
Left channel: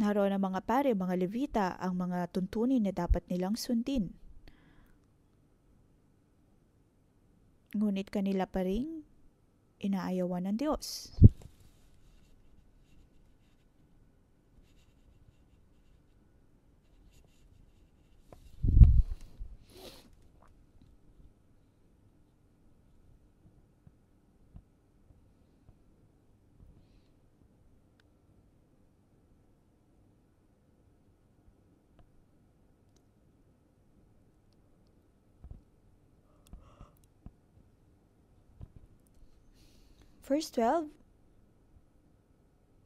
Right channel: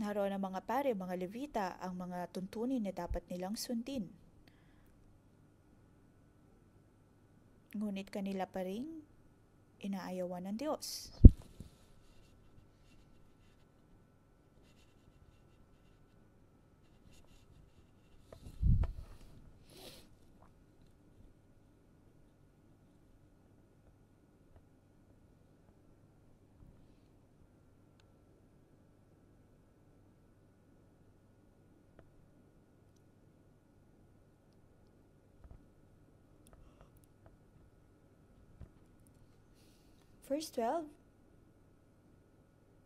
Naroon ang mga pari, mga Levita, ang mga tuntunin na dapat nilang sundin. Ngunit kanila pa rin inaayawan ng Diyos. Verse 12,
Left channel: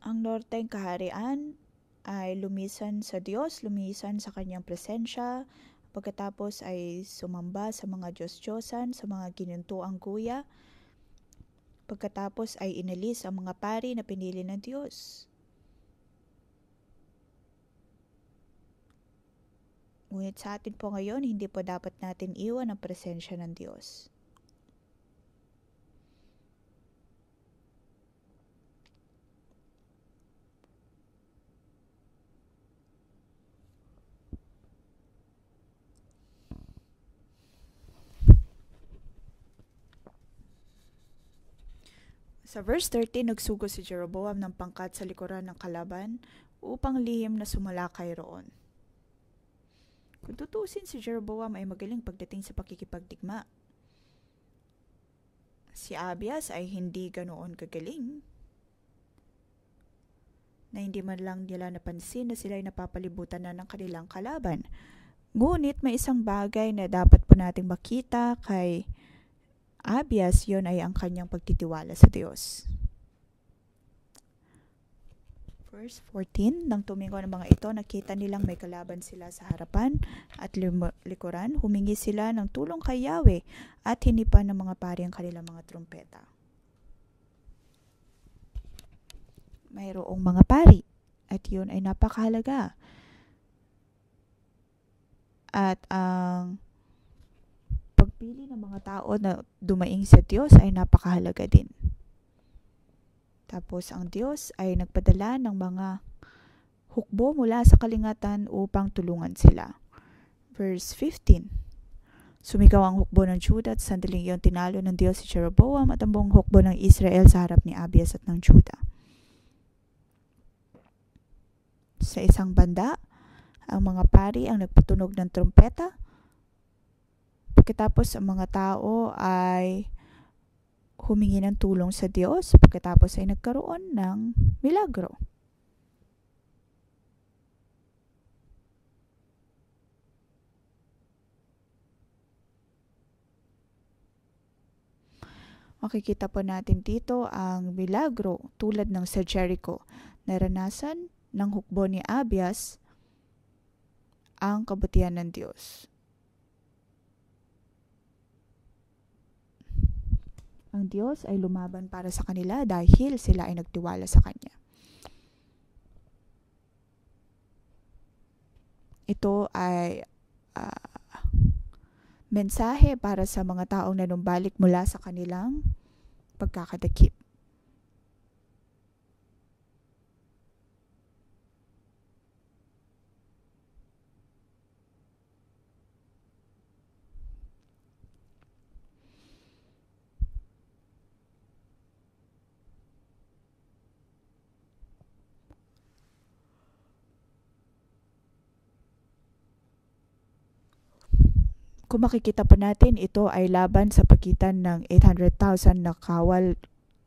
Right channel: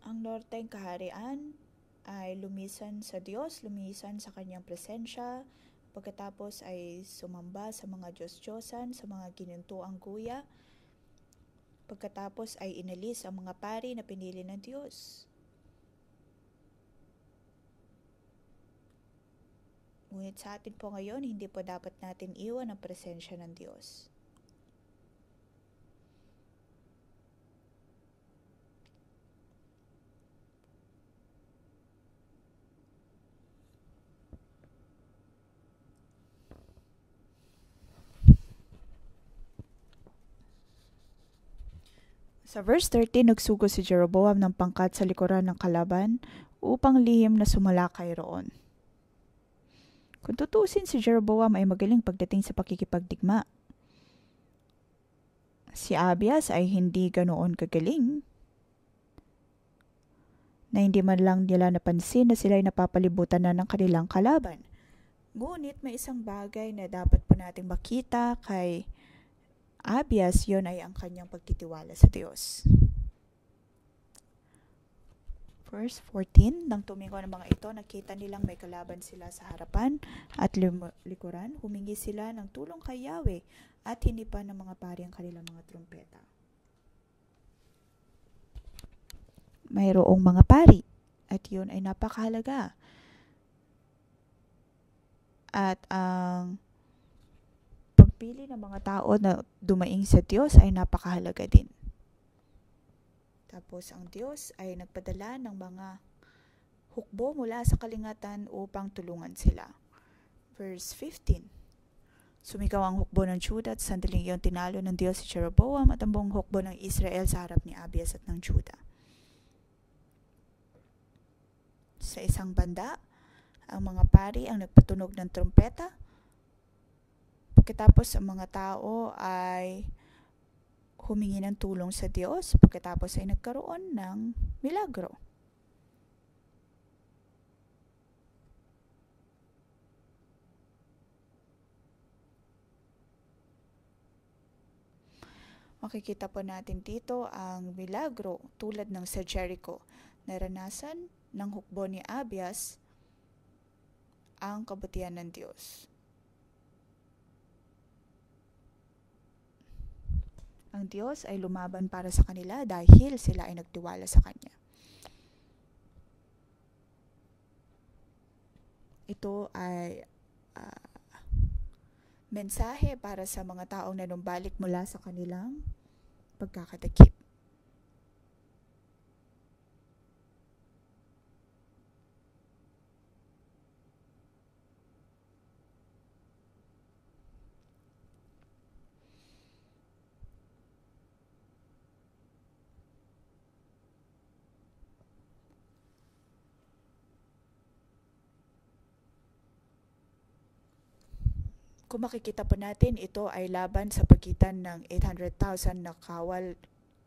ang norteng kaharian ay lumisan sa Diyos, lumisan sa kanyang presensya, pagkatapos ay sumamba sa mga Diyos-Diyosan, sa mga ginuntuang kuya, pagkatapos ay inalis ang mga pari na pinili ng Diyos. Ngunit sa atin po ngayon, hindi po dapat natin iwan ang presensya ng Diyos. Sa verse 13, nagsugo si Jeroboam ng pangkat sa likuran ng kalaban upang lihim na sumalakay roon. Kung tutuusin, si Jeroboam ay magaling pagdating sa pakikipagdigma. Si Abias ay hindi ganoon kagaling, na hindi man lang nila napansin na sila ay napapalibutan na ng kanilang kalaban. Ngunit may isang bagay na dapat po nating makita kay Abias, yon ay ang kanyang pagtitiwala sa Diyos. Verse 14, nang tumingo ng mga ito, nakita nilang may kalaban sila sa harapan at likuran. Humingi sila ng tulong kay Yahweh at hinipan ng mga pari ang kanilang mga trumpeta. Mayroong mga pari at yun ay napakahalaga. At ang pagpili ng mga tao na dumaing sa Diyos ay napakahalaga din. Tapos ang Diyos ay nagpadala ng mga hukbo mula sa kalingatan upang tulungan sila. Verse 15. Sumigaw ang hukbo ng Judah at sandaling iyon tinalo ng Diyos si Jeroboam at ang buong hukbo ng Israel sa harap ni Abias at ng Judah. Sa isang banda, ang mga pari ang nagpatunog ng trumpeta. Pagkatapos ang mga tao ay humingi ng tulong sa Diyos. Pagkatapos ay nagkaroon ng milagro. Makikita po natin dito ang milagro tulad ng sa Jericho. Naranasan ng hukbo ni Abias ang kabutihan ng Diyos. Ang Diyos ay lumaban para sa kanila dahil sila ay nagtiwala sa Kanya. Ito ay mensahe para sa mga taong nanumbalik mula sa kanilang pagkakadakip. Kung makikita po natin, ito ay laban sa pagitan ng 800,000 na kawal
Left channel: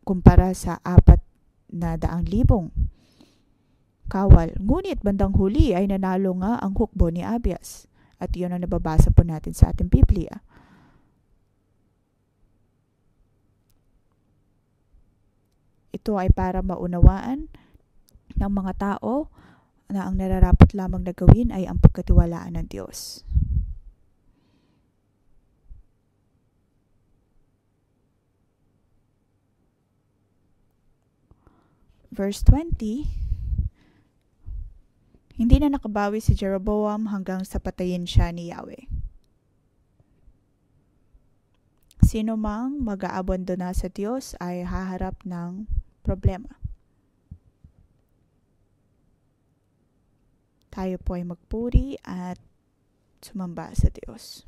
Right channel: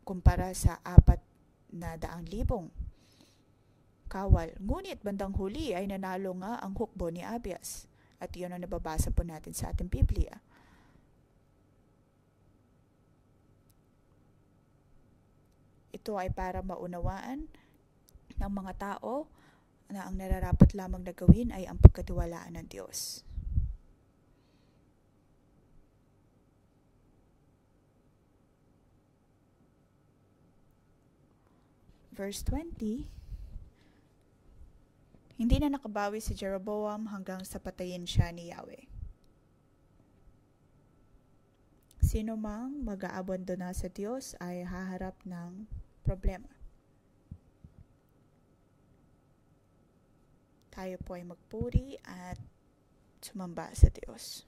kumpara sa 400,000 kawal. Ngunit bandang huli ay nanalo nga ang hukbo ni Abias. At iyon ang nababasa po natin sa ating Biblia. Ito ay para maunawaan ng mga tao na ang nararapat lamang na gawin ay ang pagkatiwalaan ng Diyos. Verse 20, hindi na nakabawi si Jeroboam hanggang sa patayin siya ni Yahweh. Sino mang mag-aabandona sa Diyos ay haharap ng problema. Tayo po ay magpuri at sumamba sa Diyos.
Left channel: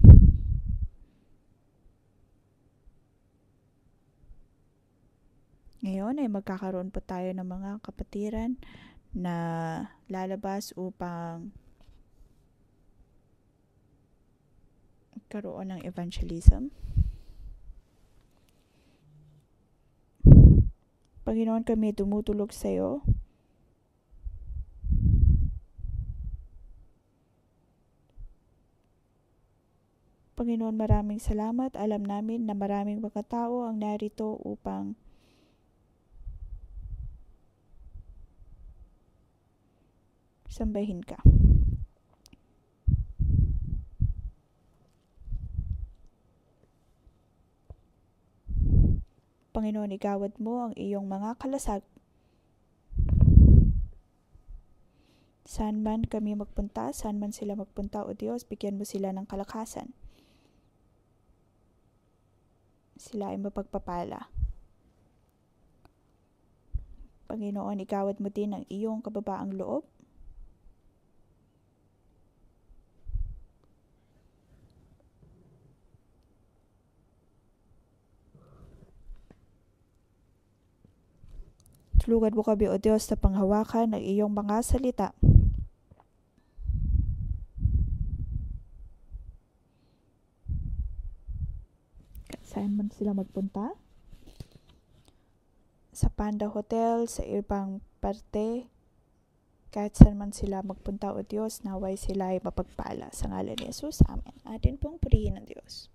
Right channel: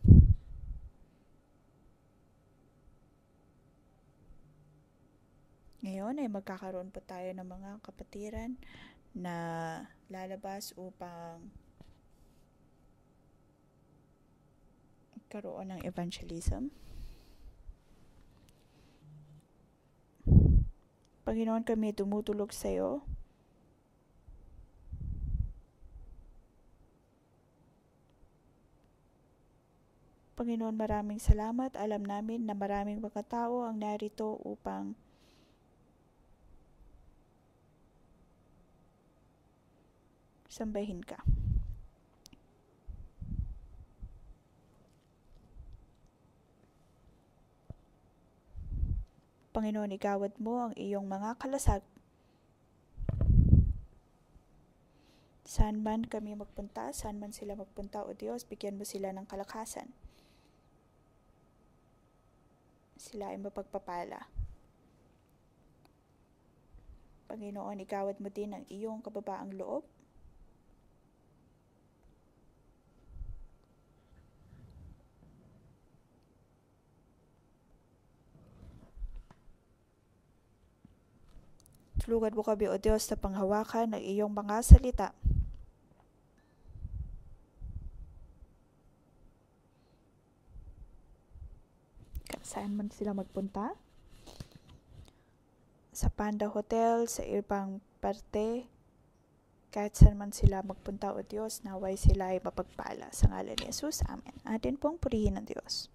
Ngayon ay magkakaroon po tayo ng mga kapatiran na lalabas upang magkaroon ng evangelism. Panginoon, kami tumutulog sa iyo. Panginoon, maraming salamat. Alam namin na maraming mga tao ang narito upang sambahin ka. Panginoon, igawad mo ang iyong mga kalasag. Saan man kami magpunta, saan man sila magpunta, O Diyos, bigyan mo sila ng kalakasan. Sila ay mapagpapala. Panginoon, igawad mo din ang iyong kababaang loob. Tulungan mo kami, O Diyos, na panghawakan ng iyong mga salita. Saan man sila magpunta? Sa Panda Hotel, sa ibang parte, kahit saan man sila magpunta, O Diyos, naway sila ay mapagpala. Sa ngalan ni Jesus, Amen. Atin pong purihin ng Diyos.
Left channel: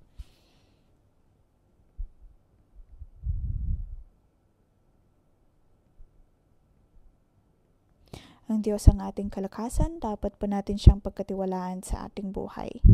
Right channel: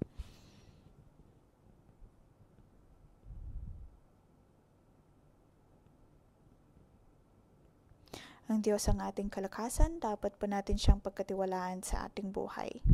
Ang Diyos ang ating kalakasan, dapat po natin siyang pagkatiwalaan sa ating buhay.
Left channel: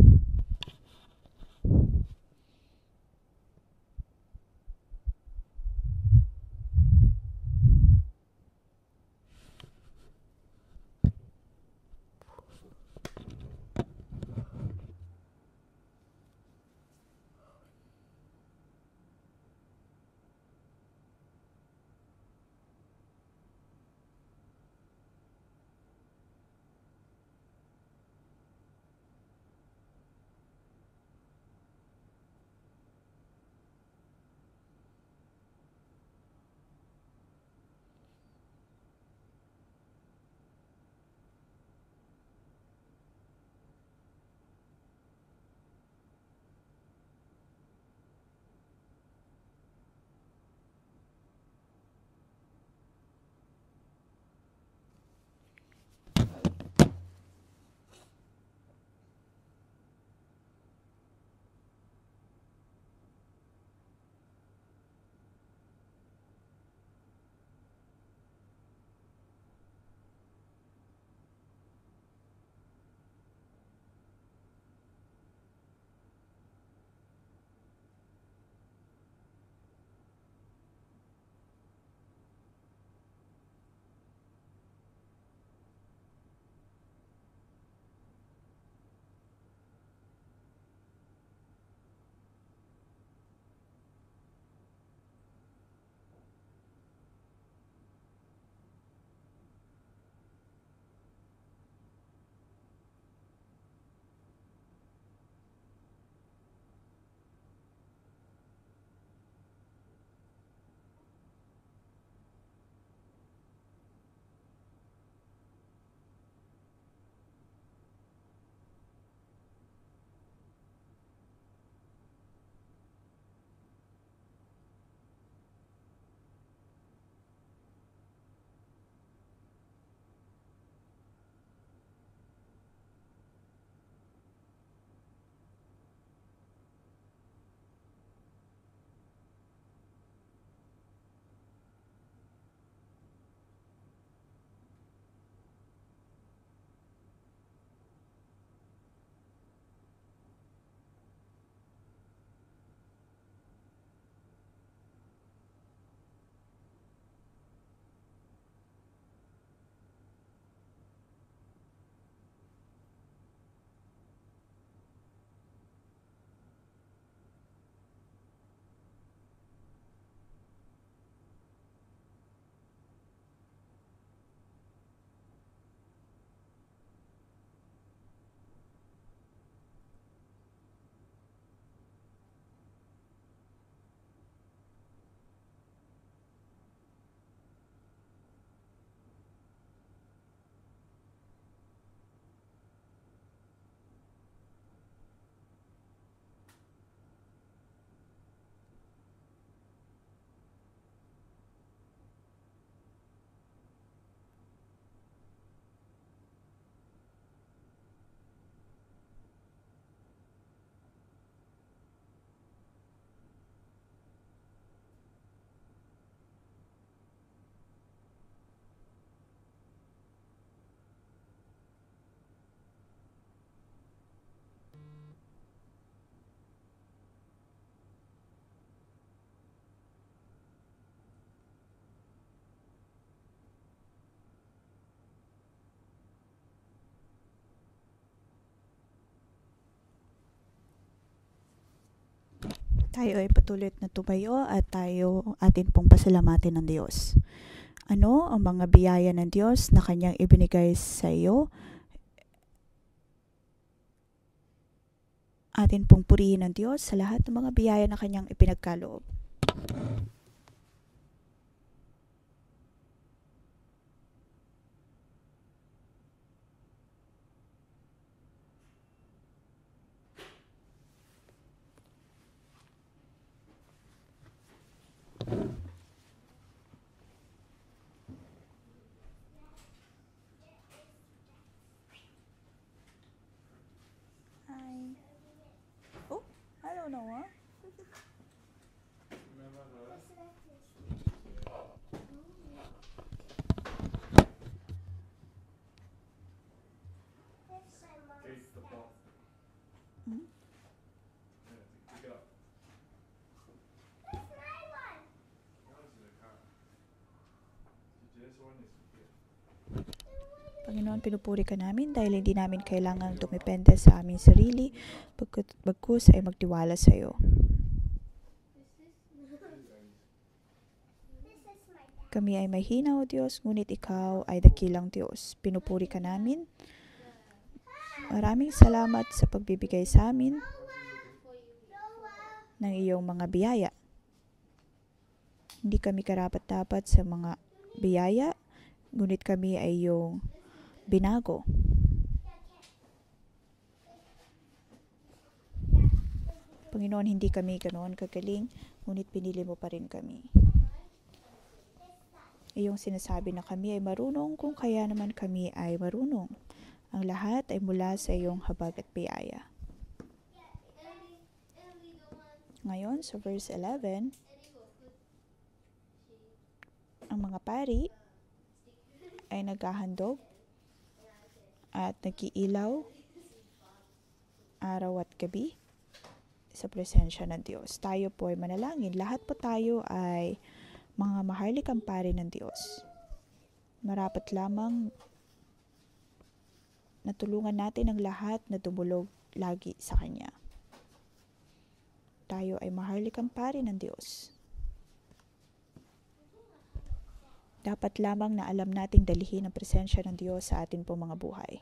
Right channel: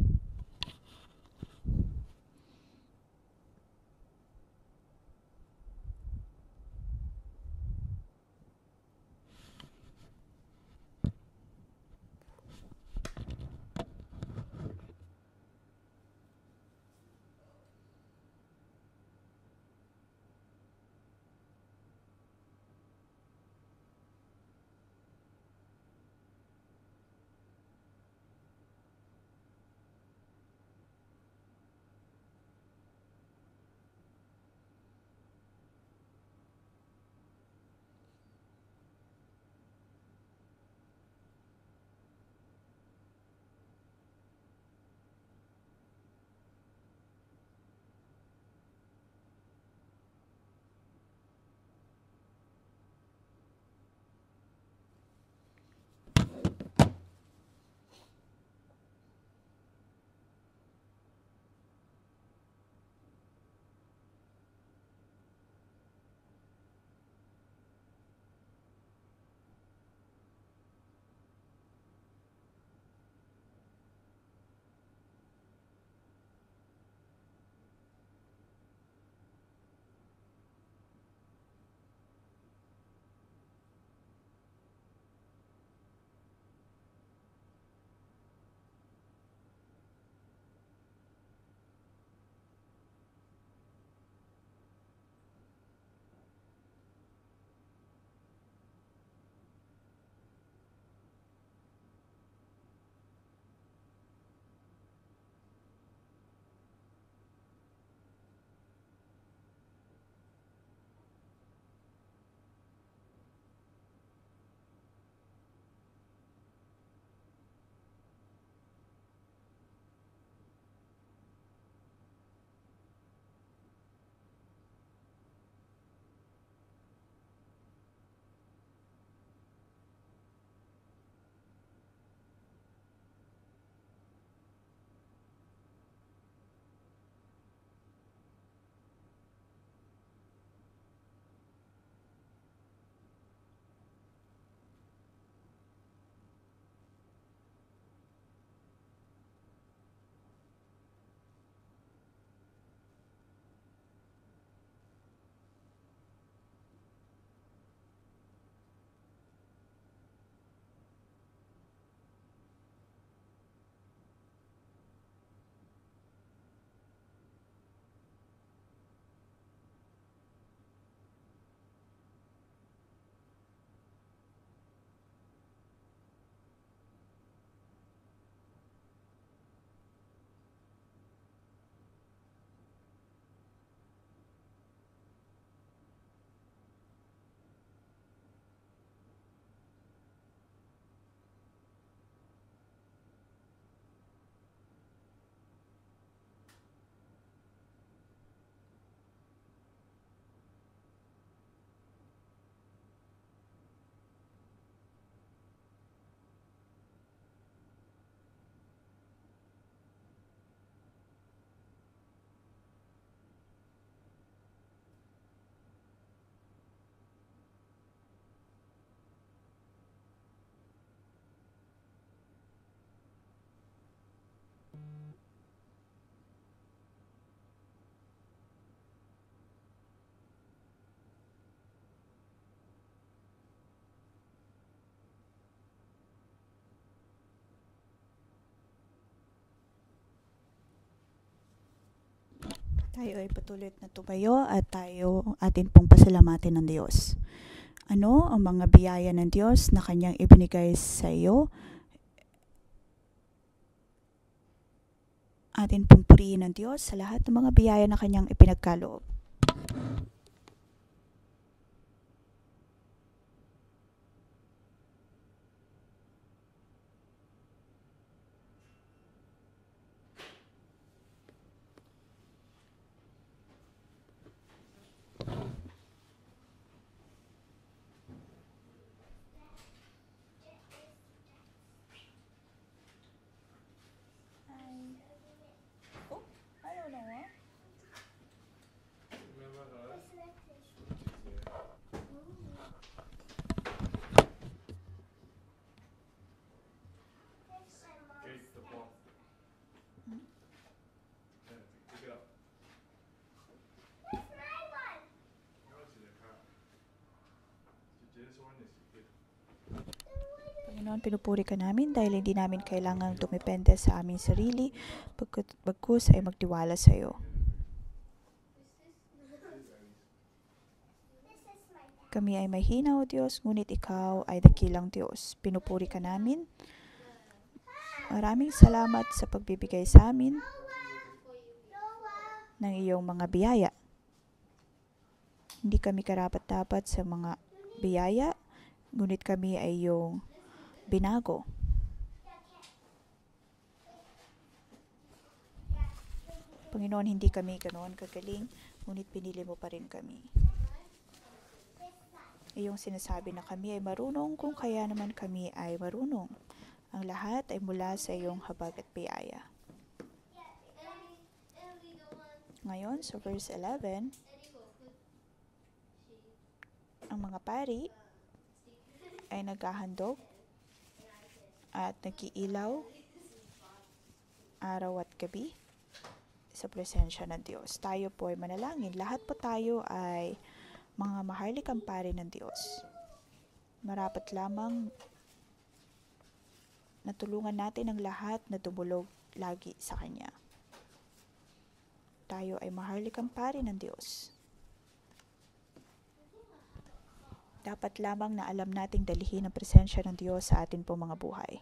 Tayo ay patuloy na tumayo at tayo atin pong pasalamatin ng Diyos. Ano ang mga biyaya ng Diyos na Kanyang ibinigay sa iyo? Atin pong purihin ng Diyos sa lahat ng mga biyaya na Kanyang ipinagkaloob. Oh, I don't know. Panginoon, pinupuri ka namin dahil hindi namin kailangang dumepende sa aming sarili, bagkus ay magtiwala sa iyo. Kami ay mahina, O Diyos, ngunit Ikaw ay dakilang Diyos. Pinupuri ka namin. Maraming salamat sa pagbibigay sa amin ng iyong mga biyaya. Hindi kami karapat-dapat sa mga biyaya, ngunit kami ay iyong binago. Panginoon, hindi kami ganoon kagaling, ngunit pinili mo pa rin kami. Iyong sinasabi na kami ay marunong, kung kaya naman kami ay marunong. Ang lahat ay mula sa iyong habag at biyaya. Ngayon, sa verse 11, ang mga pari ay naghahandog at nag-iilaw araw at gabi sa presensya ng Diyos. Tayo po ay manalangin. Lahat po tayo ay mga maharlikang pari ng Diyos. Marapat lamang natulungan natin ang lahat na tumulog lagi sa Kanya. Tayo ay maharlikang pari ng Diyos. Dapat lamang na alam nating dalihin ang presensya ng Diyos sa atin po mga buhay.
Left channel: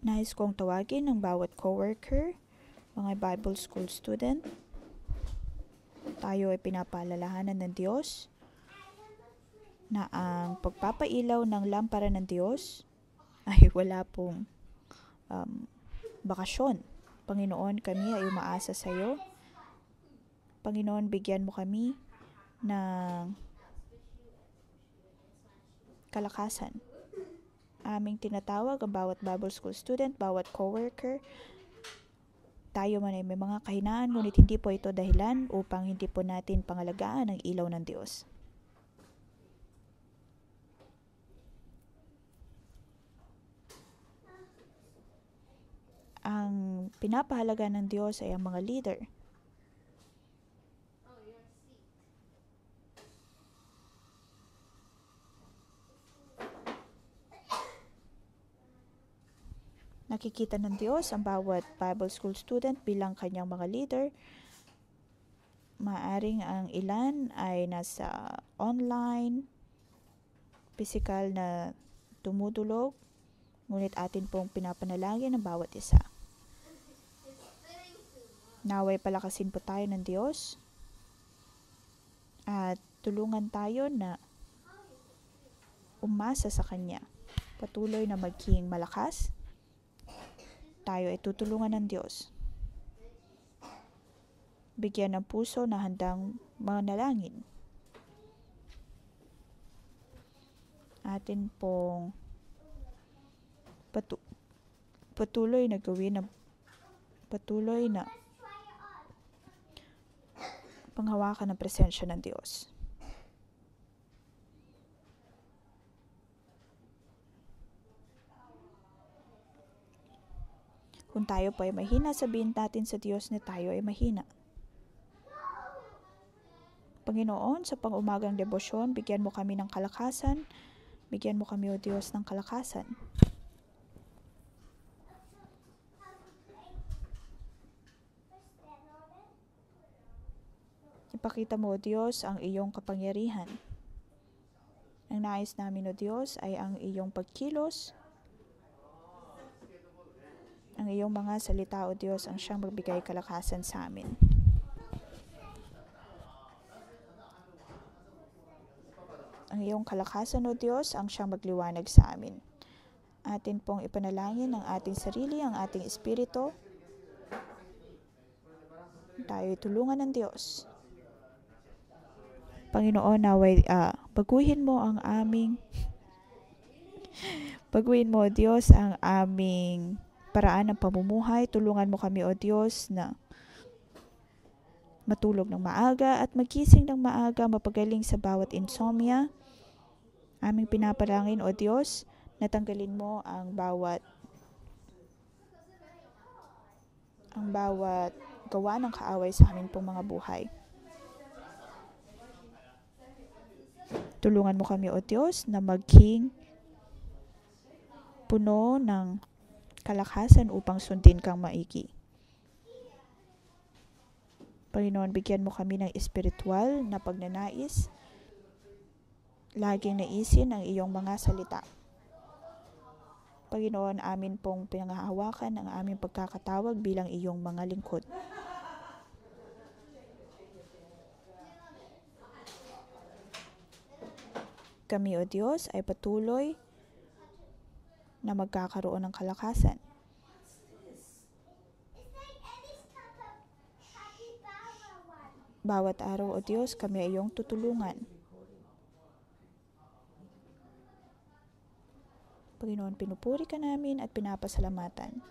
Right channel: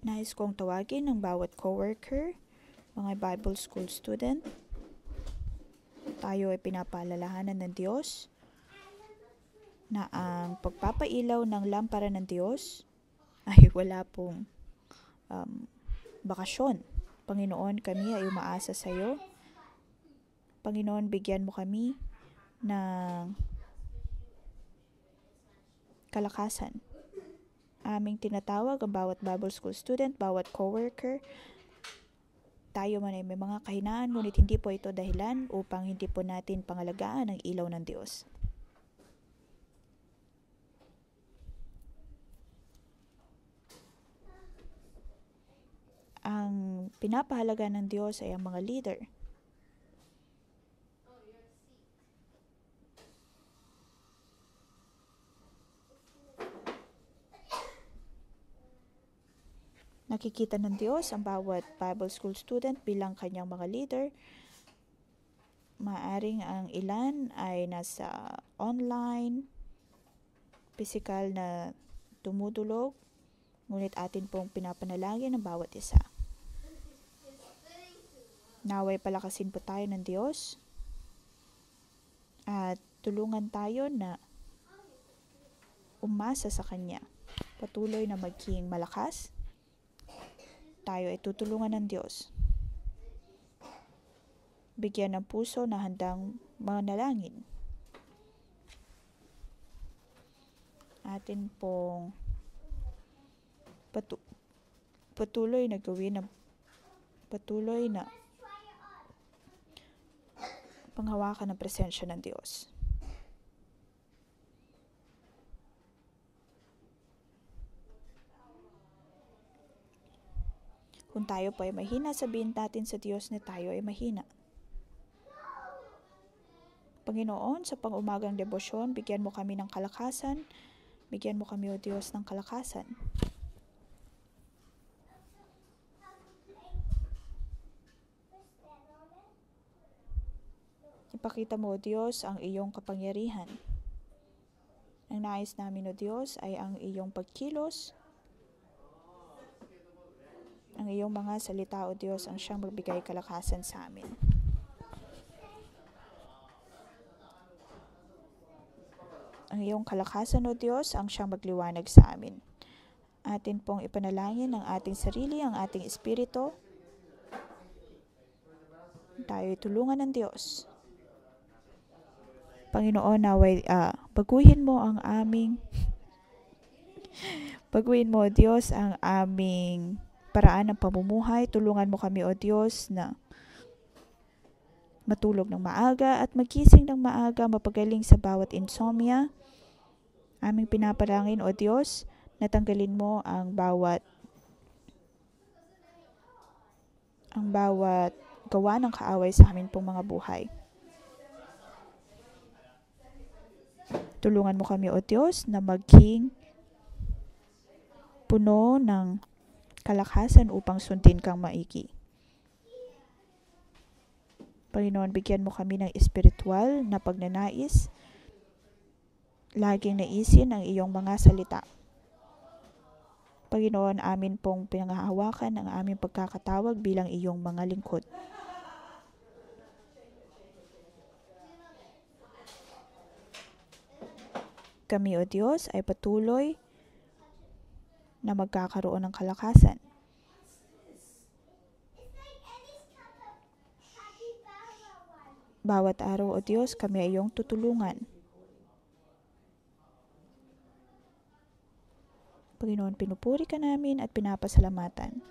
Nais kong tawagin ang bawat coworker, mga Bible School student. Tayo ay pinapaalalahanan ng Diyos na ang pagpapailaw ng lampara ng Diyos ay wala pong bakasyon. Panginoon, kami ay umaasa sa iyo. Panginoon, bigyan mo kami ng kalakasan. Aming tinatawag ang bawat Bible School student, bawat coworker. Tayo man ay may mga kahinaan, ngunit hindi po ito dahilan upang hindi po natin pangalagaan ang ilaw ng Diyos. Ang pinapahalaga ng Diyos ay ang mga leader. Nakikita ng Diyos ang bawat Bible School student bilang kanyang mga leader. Maaring ang ilan ay nasa online, physical na tumutulog, ngunit atin pong pinapanalangin ang bawat isa. Naway palakasin po tayo ng Diyos at tulungan tayo na umasa sa Kanya. Patuloy na maging malakas. Tayo ay tutulungan ng Diyos. Bigyan ng puso na handang manalangin. Atin pong patuloy na gawin patuloy na panghawakan ng presensya ng Diyos. Kung tayo po ay mahina, sabihin natin sa Diyos na tayo ay mahina. Panginoon, sa pang-umagang debosyon, bigyan mo kami ng kalakasan. Bigyan mo kami, O Diyos, ng kalakasan. Ipakita mo, O Diyos, ang iyong kapangyarihan. Ang nais namin, O Diyos, ay ang iyong pagkilos. Ang iyong mga salita, O Diyos, ang siyang magbigay kalakasan sa amin. Ang iyong kalakasan, O Diyos, ang siyang magliwanag sa amin. Atin pong ipanalangin ang ating sarili, ang ating espiritu. Tayo'y tulungan ng Diyos. Panginoon, naway baguhin mo, O Diyos, ang aming paraan ng pamumuhay. Tulungan mo kami, O Diyos, na matulog ng maaga at magising ng maaga, mapagaling sa bawat insomnia. Aming pinapalangin, O Diyos, natanggalin mo ang bawat gawa ng kaaway sa amin pong mga buhay. Tulungan mo kami, O Diyos, na maging puno ng kalakasan upang sundin kang maigi. Panginoon, bigyan mo kami ng espiritual na pagnanais, laging naisin ang iyong mga salita. Panginoon, amin pong pinangahawakan ang aming pagkakatawag bilang iyong mga lingkod. Kami, O Diyos, ay patuloy na magkakaroon ng kalakasan. Bawat araw, O Diyos, kami ay iyong tutulungan. Panginoon, pinupuri ka namin at pinapasalamatan.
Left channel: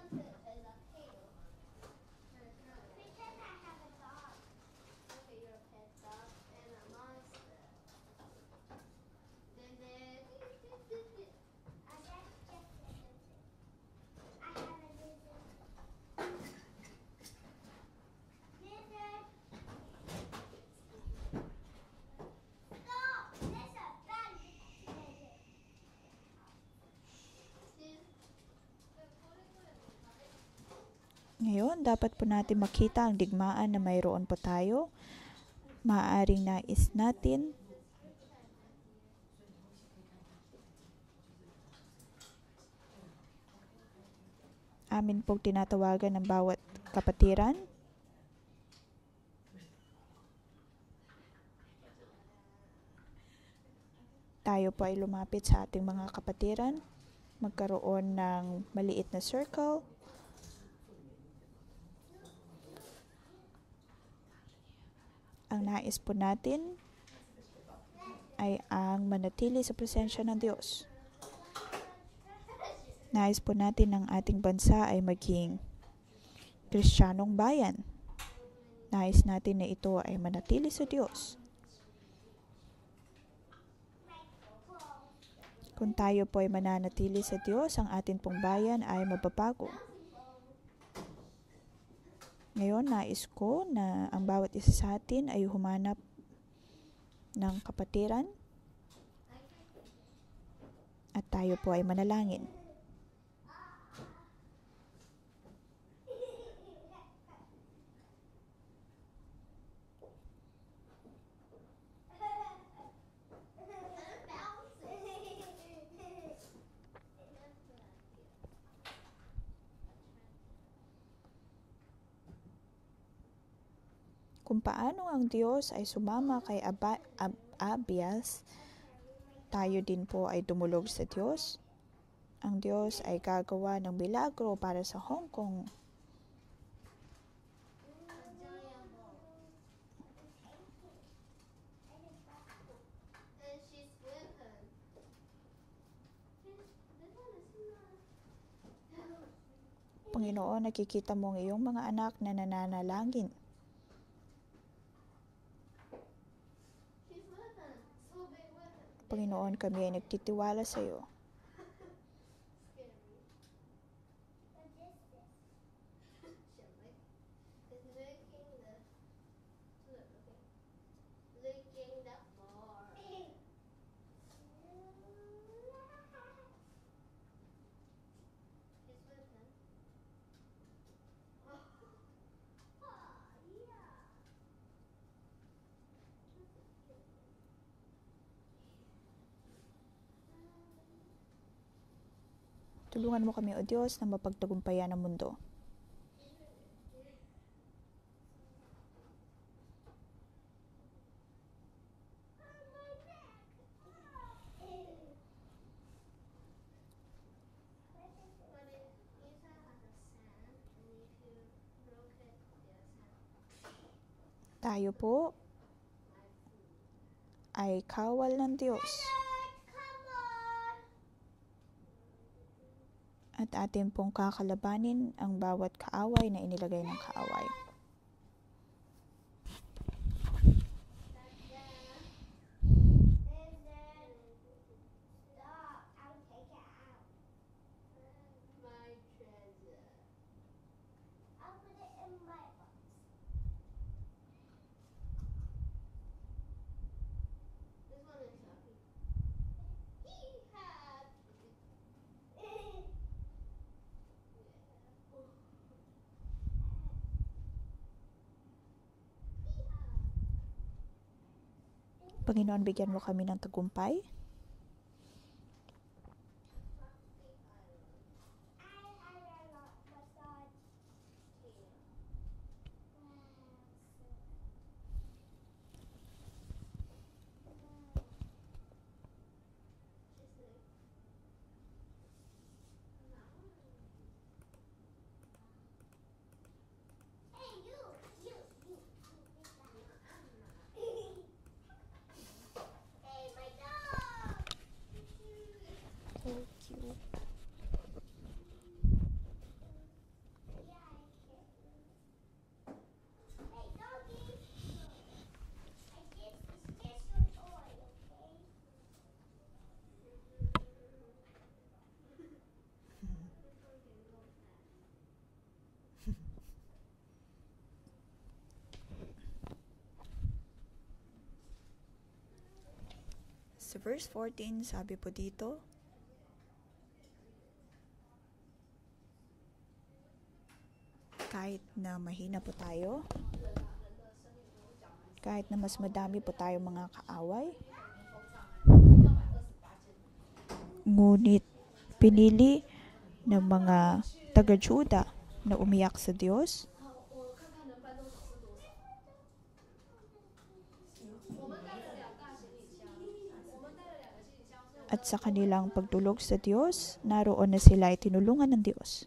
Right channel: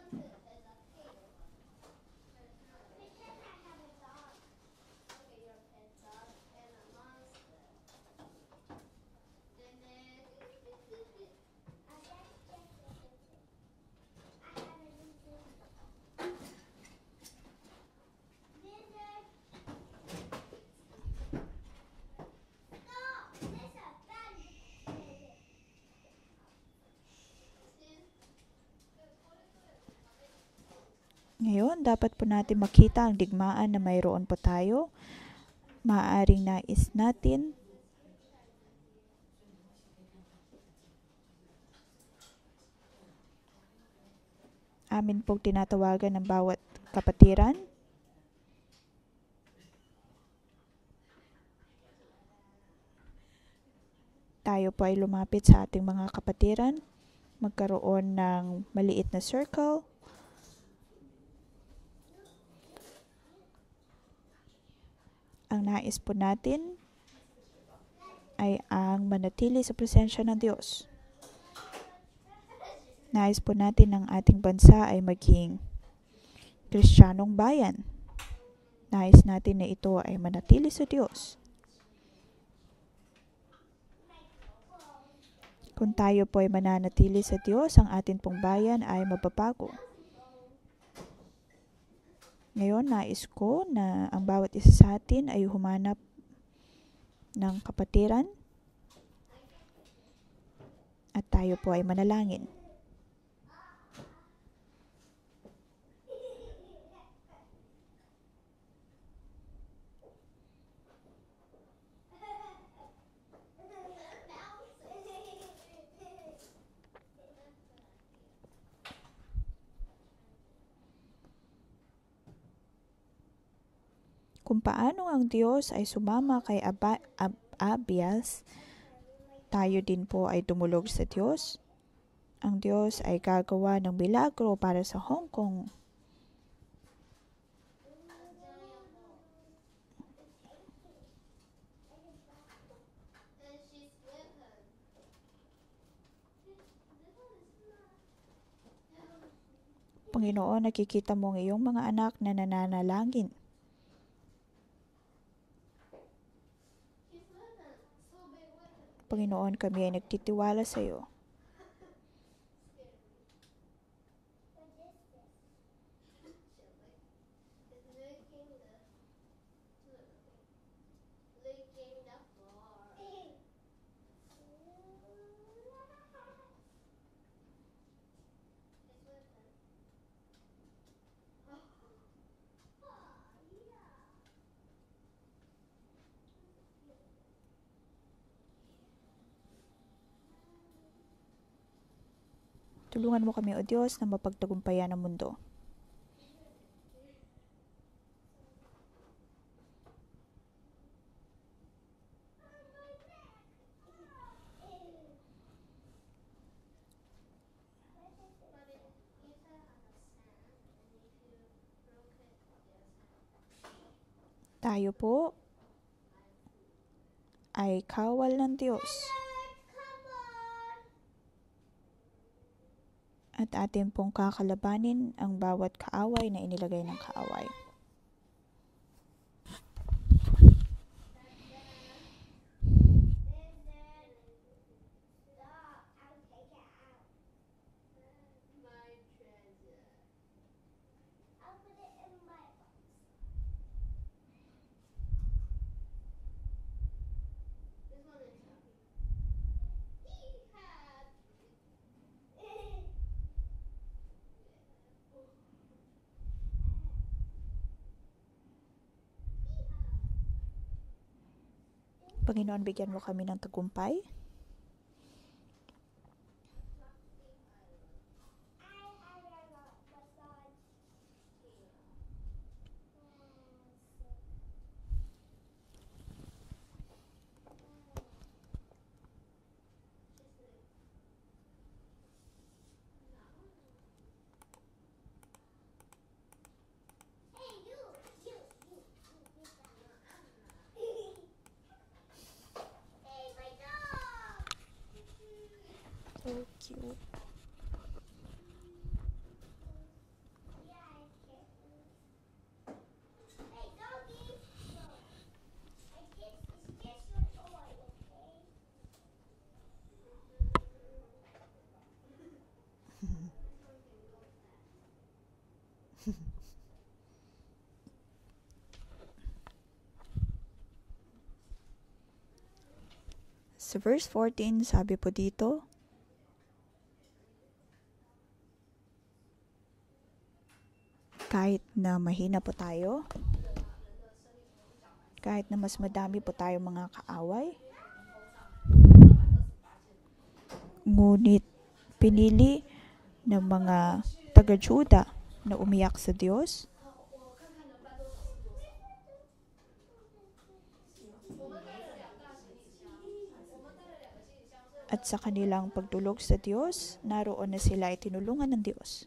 Ngayon, dapat po natin makita ang digmaan na mayroon po tayo. Maaaring nais natin amin pong tinatawagan ng bawat kapatiran. Tayo po ay lumapit sa ating mga kapatiran. Magkaroon ng maliit na circle. Ang nais po natin ay ang manatili sa presensya ng Diyos. Nais po natin ang ating bansa ay maging Kristiyanong bayan. Nais natin na ito ay manatili sa Diyos. Kung tayo po ay mananatili sa Diyos, ang ating pong bayan ay mababago. Ngayon, nais ko na ang bawat isa sa atin ay humanap ng kapatiran at tayo po ay manalangin. Kung paano ang Diyos ay sumama kay Abias, tayo din po ay dumulog sa Diyos. Ang Diyos ay gagawa ng milagro para sa Hong Kong. Panginoon, nakikita mo ang iyong mga anak na nananalangin. Panginoon, kami ay nagtitiwala sa iyo. Tulungan mo kami, O Diyos, na mapagtagumpayan ang mundo. Tayo po ay kawal ng Diyos. At atin pong kakalabanin ang bawat kaaway na inilagay ng kaaway. Panginoon, bigyan mo kami ng tagumpay. So cute. Sa verse 14, sabi po dito, kahit na mahina po tayo, kahit na mas madami po tayo mga kaaway, ngunit pinili ng mga taga-Juda na umiyak sa Diyos, at sa kanilang pagtulog sa Diyos, naroon na sila ay tinulungan ng Diyos.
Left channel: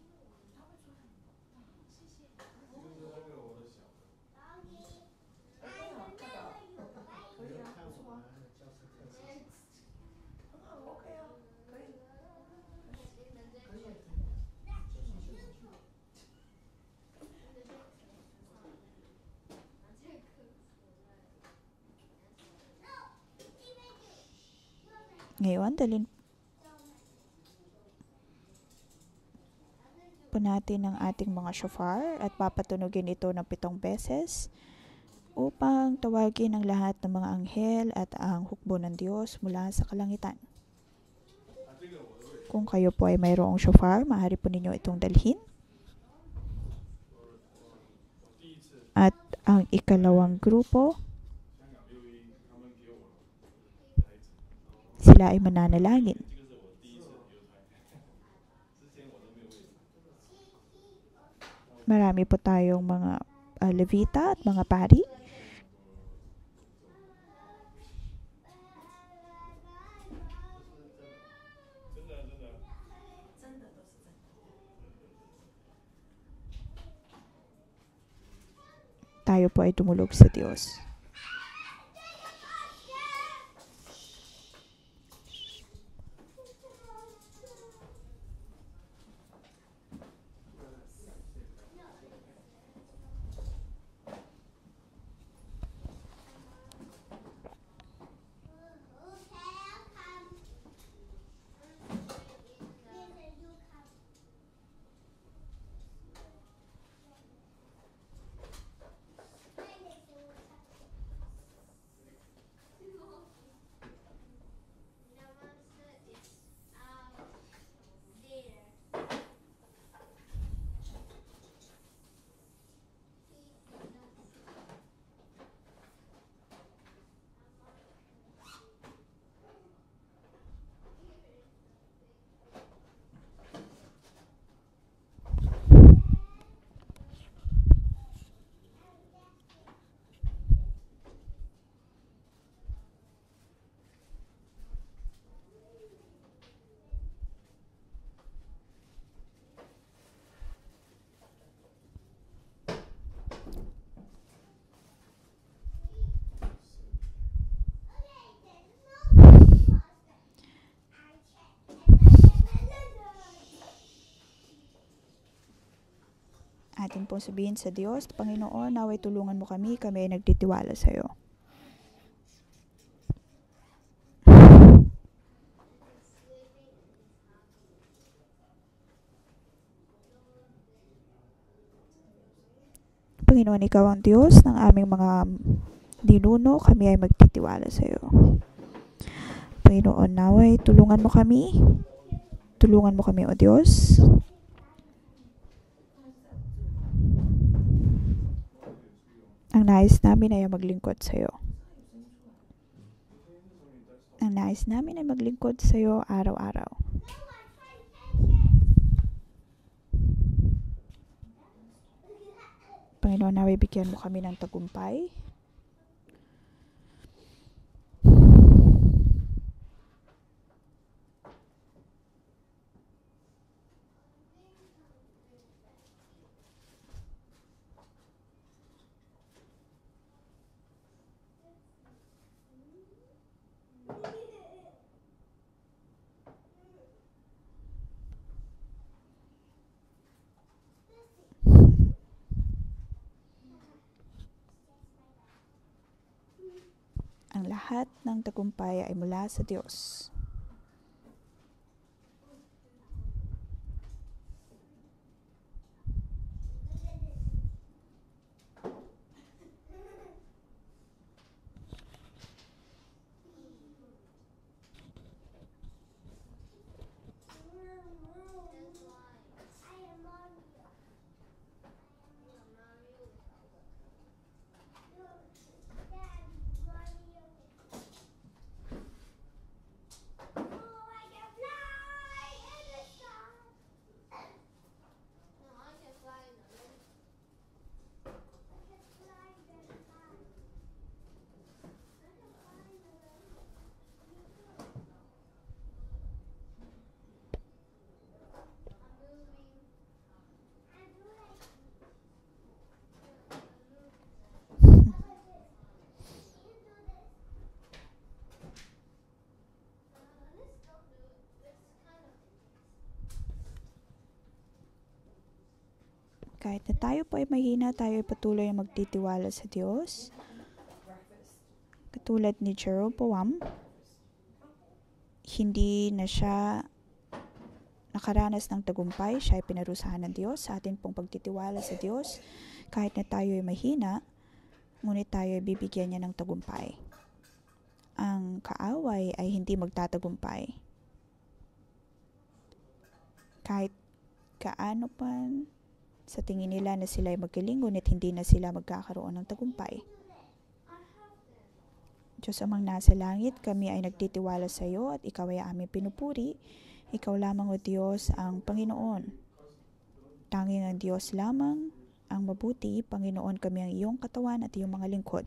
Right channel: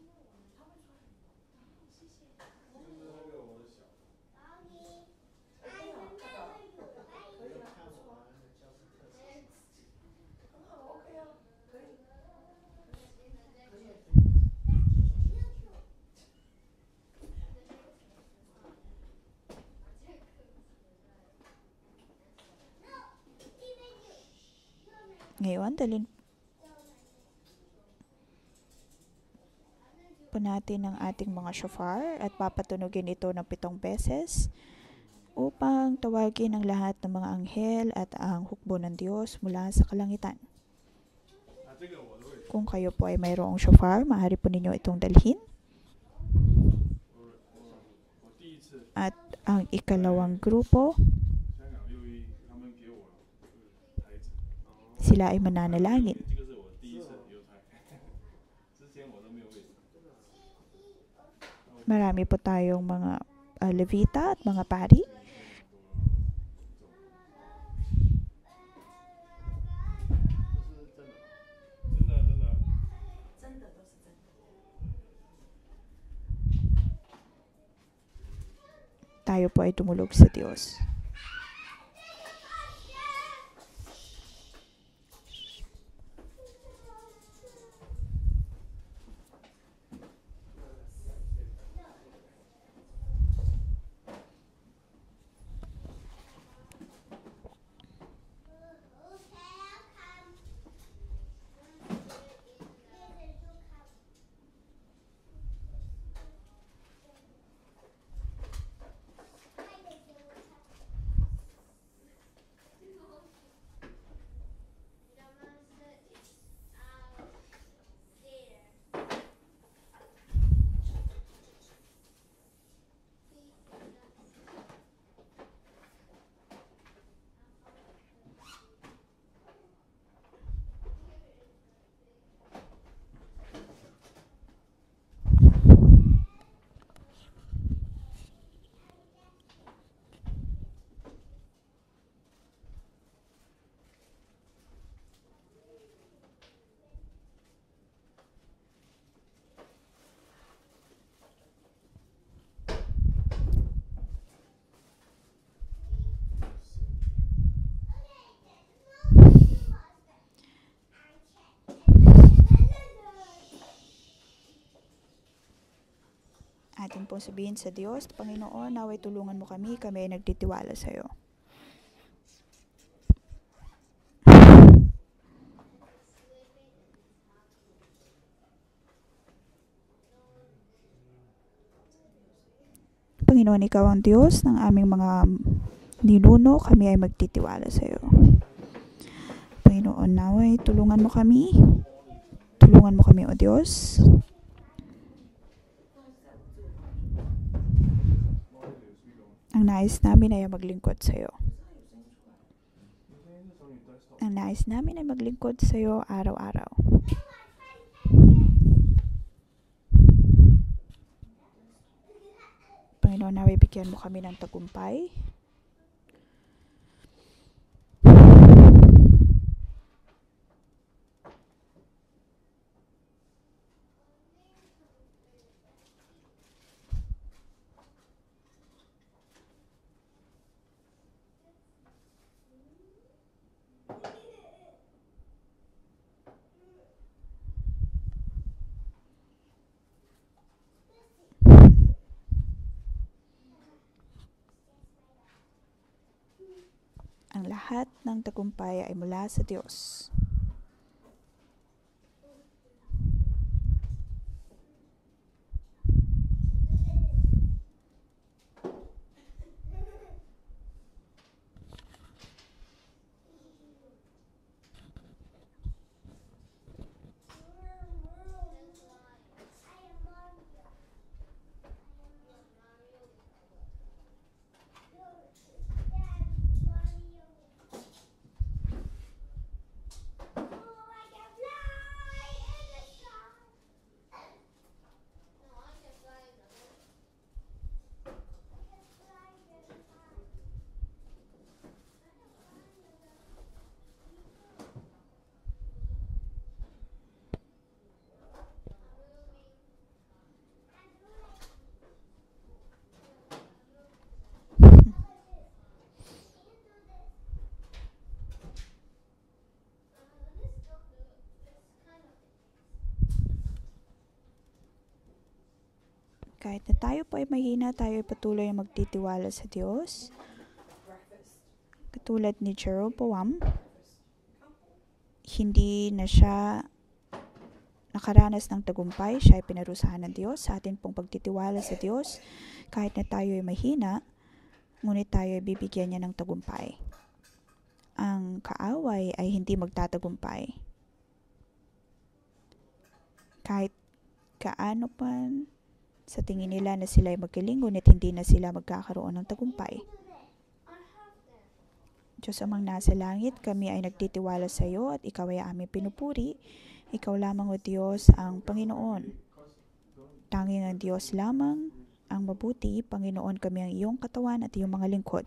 Ngayon, dalhin po natin ang ating mga shofar at papatunugin ito ng 7 beses upang tawagin ang lahat ng mga anghel at ang hukbo ng Diyos mula sa kalangitan. Kung kayo po ay mayroong shofar, maaari po ninyo itong dalhin. At ang ikalawang grupo, sila ay mananalangin. Marami po tayong mga levita at mga pari. Tayo po ay tumulog sa Diyos. pong sabihin sa Diyos, Panginoon, naway tulungan mo kami ay nagtitiwala sa iyo. Panginoon, ikaw ang Diyos ng aming mga ninuno, kami ay magtitiwala sa iyo. Panginoon, naway tulungan mo kami. Tulungan mo kami, O Diyos. Ang nais namin ay maglingkod sa iyo. Ang nais namin ay maglingkod sa iyo araw-araw. Panginoon, naway bigyan mo kami ng tagumpay. Ang lahat ng tagumpay ay mula sa Diyos. Kahit na tayo po ay mahina, tayo ay patuloy na magtitiwala sa Diyos. Katulad ni Jeroboam, hindi na siya nakaranas ng tagumpay, siya ay pinarusahan ng Diyos. Sa atin pong pagtitiwala sa Diyos, kahit na tayo ay mahina, ngunit tayo ay bibigyan niya ng tagumpay. Ang kaaway ay hindi magtatagumpay. Kahit kaano pa sa tingin nila na sila ay magaling, ngunit hindi na sila magkakaroon ng tagumpay. Diyos amang nasa langit, kami ay nagtitiwala sa iyo at ikaw ay aming pinupuri. Ikaw lamang, O Diyos, ang Panginoon. Tanging ang Diyos lamang ang mabuti. Panginoon, kami ang iyong katawan at iyong mga lingkod.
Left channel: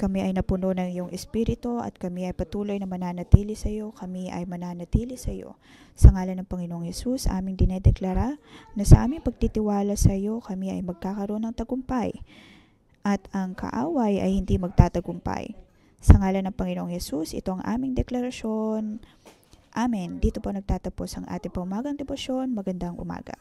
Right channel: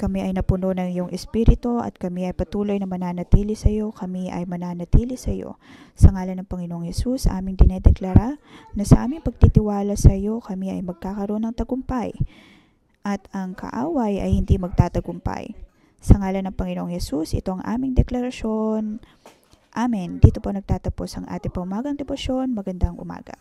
Kami ay napuno ng iyong Espiritu at kami ay patuloy na mananatili sa iyo. Kami ay mananatili sa iyo. Sa ngalan ng Panginoong Hesus, aming dinedeklara na sa aming pagtitiwala sa iyo, kami ay magkakaroon ng tagumpay at ang kaaway ay hindi magtatagumpay. Sa ngalan ng Panginoong Hesus, ito ang aming deklarasyon. Amen. Dito po nagtatapos ang ating pamagang debosyon. Magandang umaga.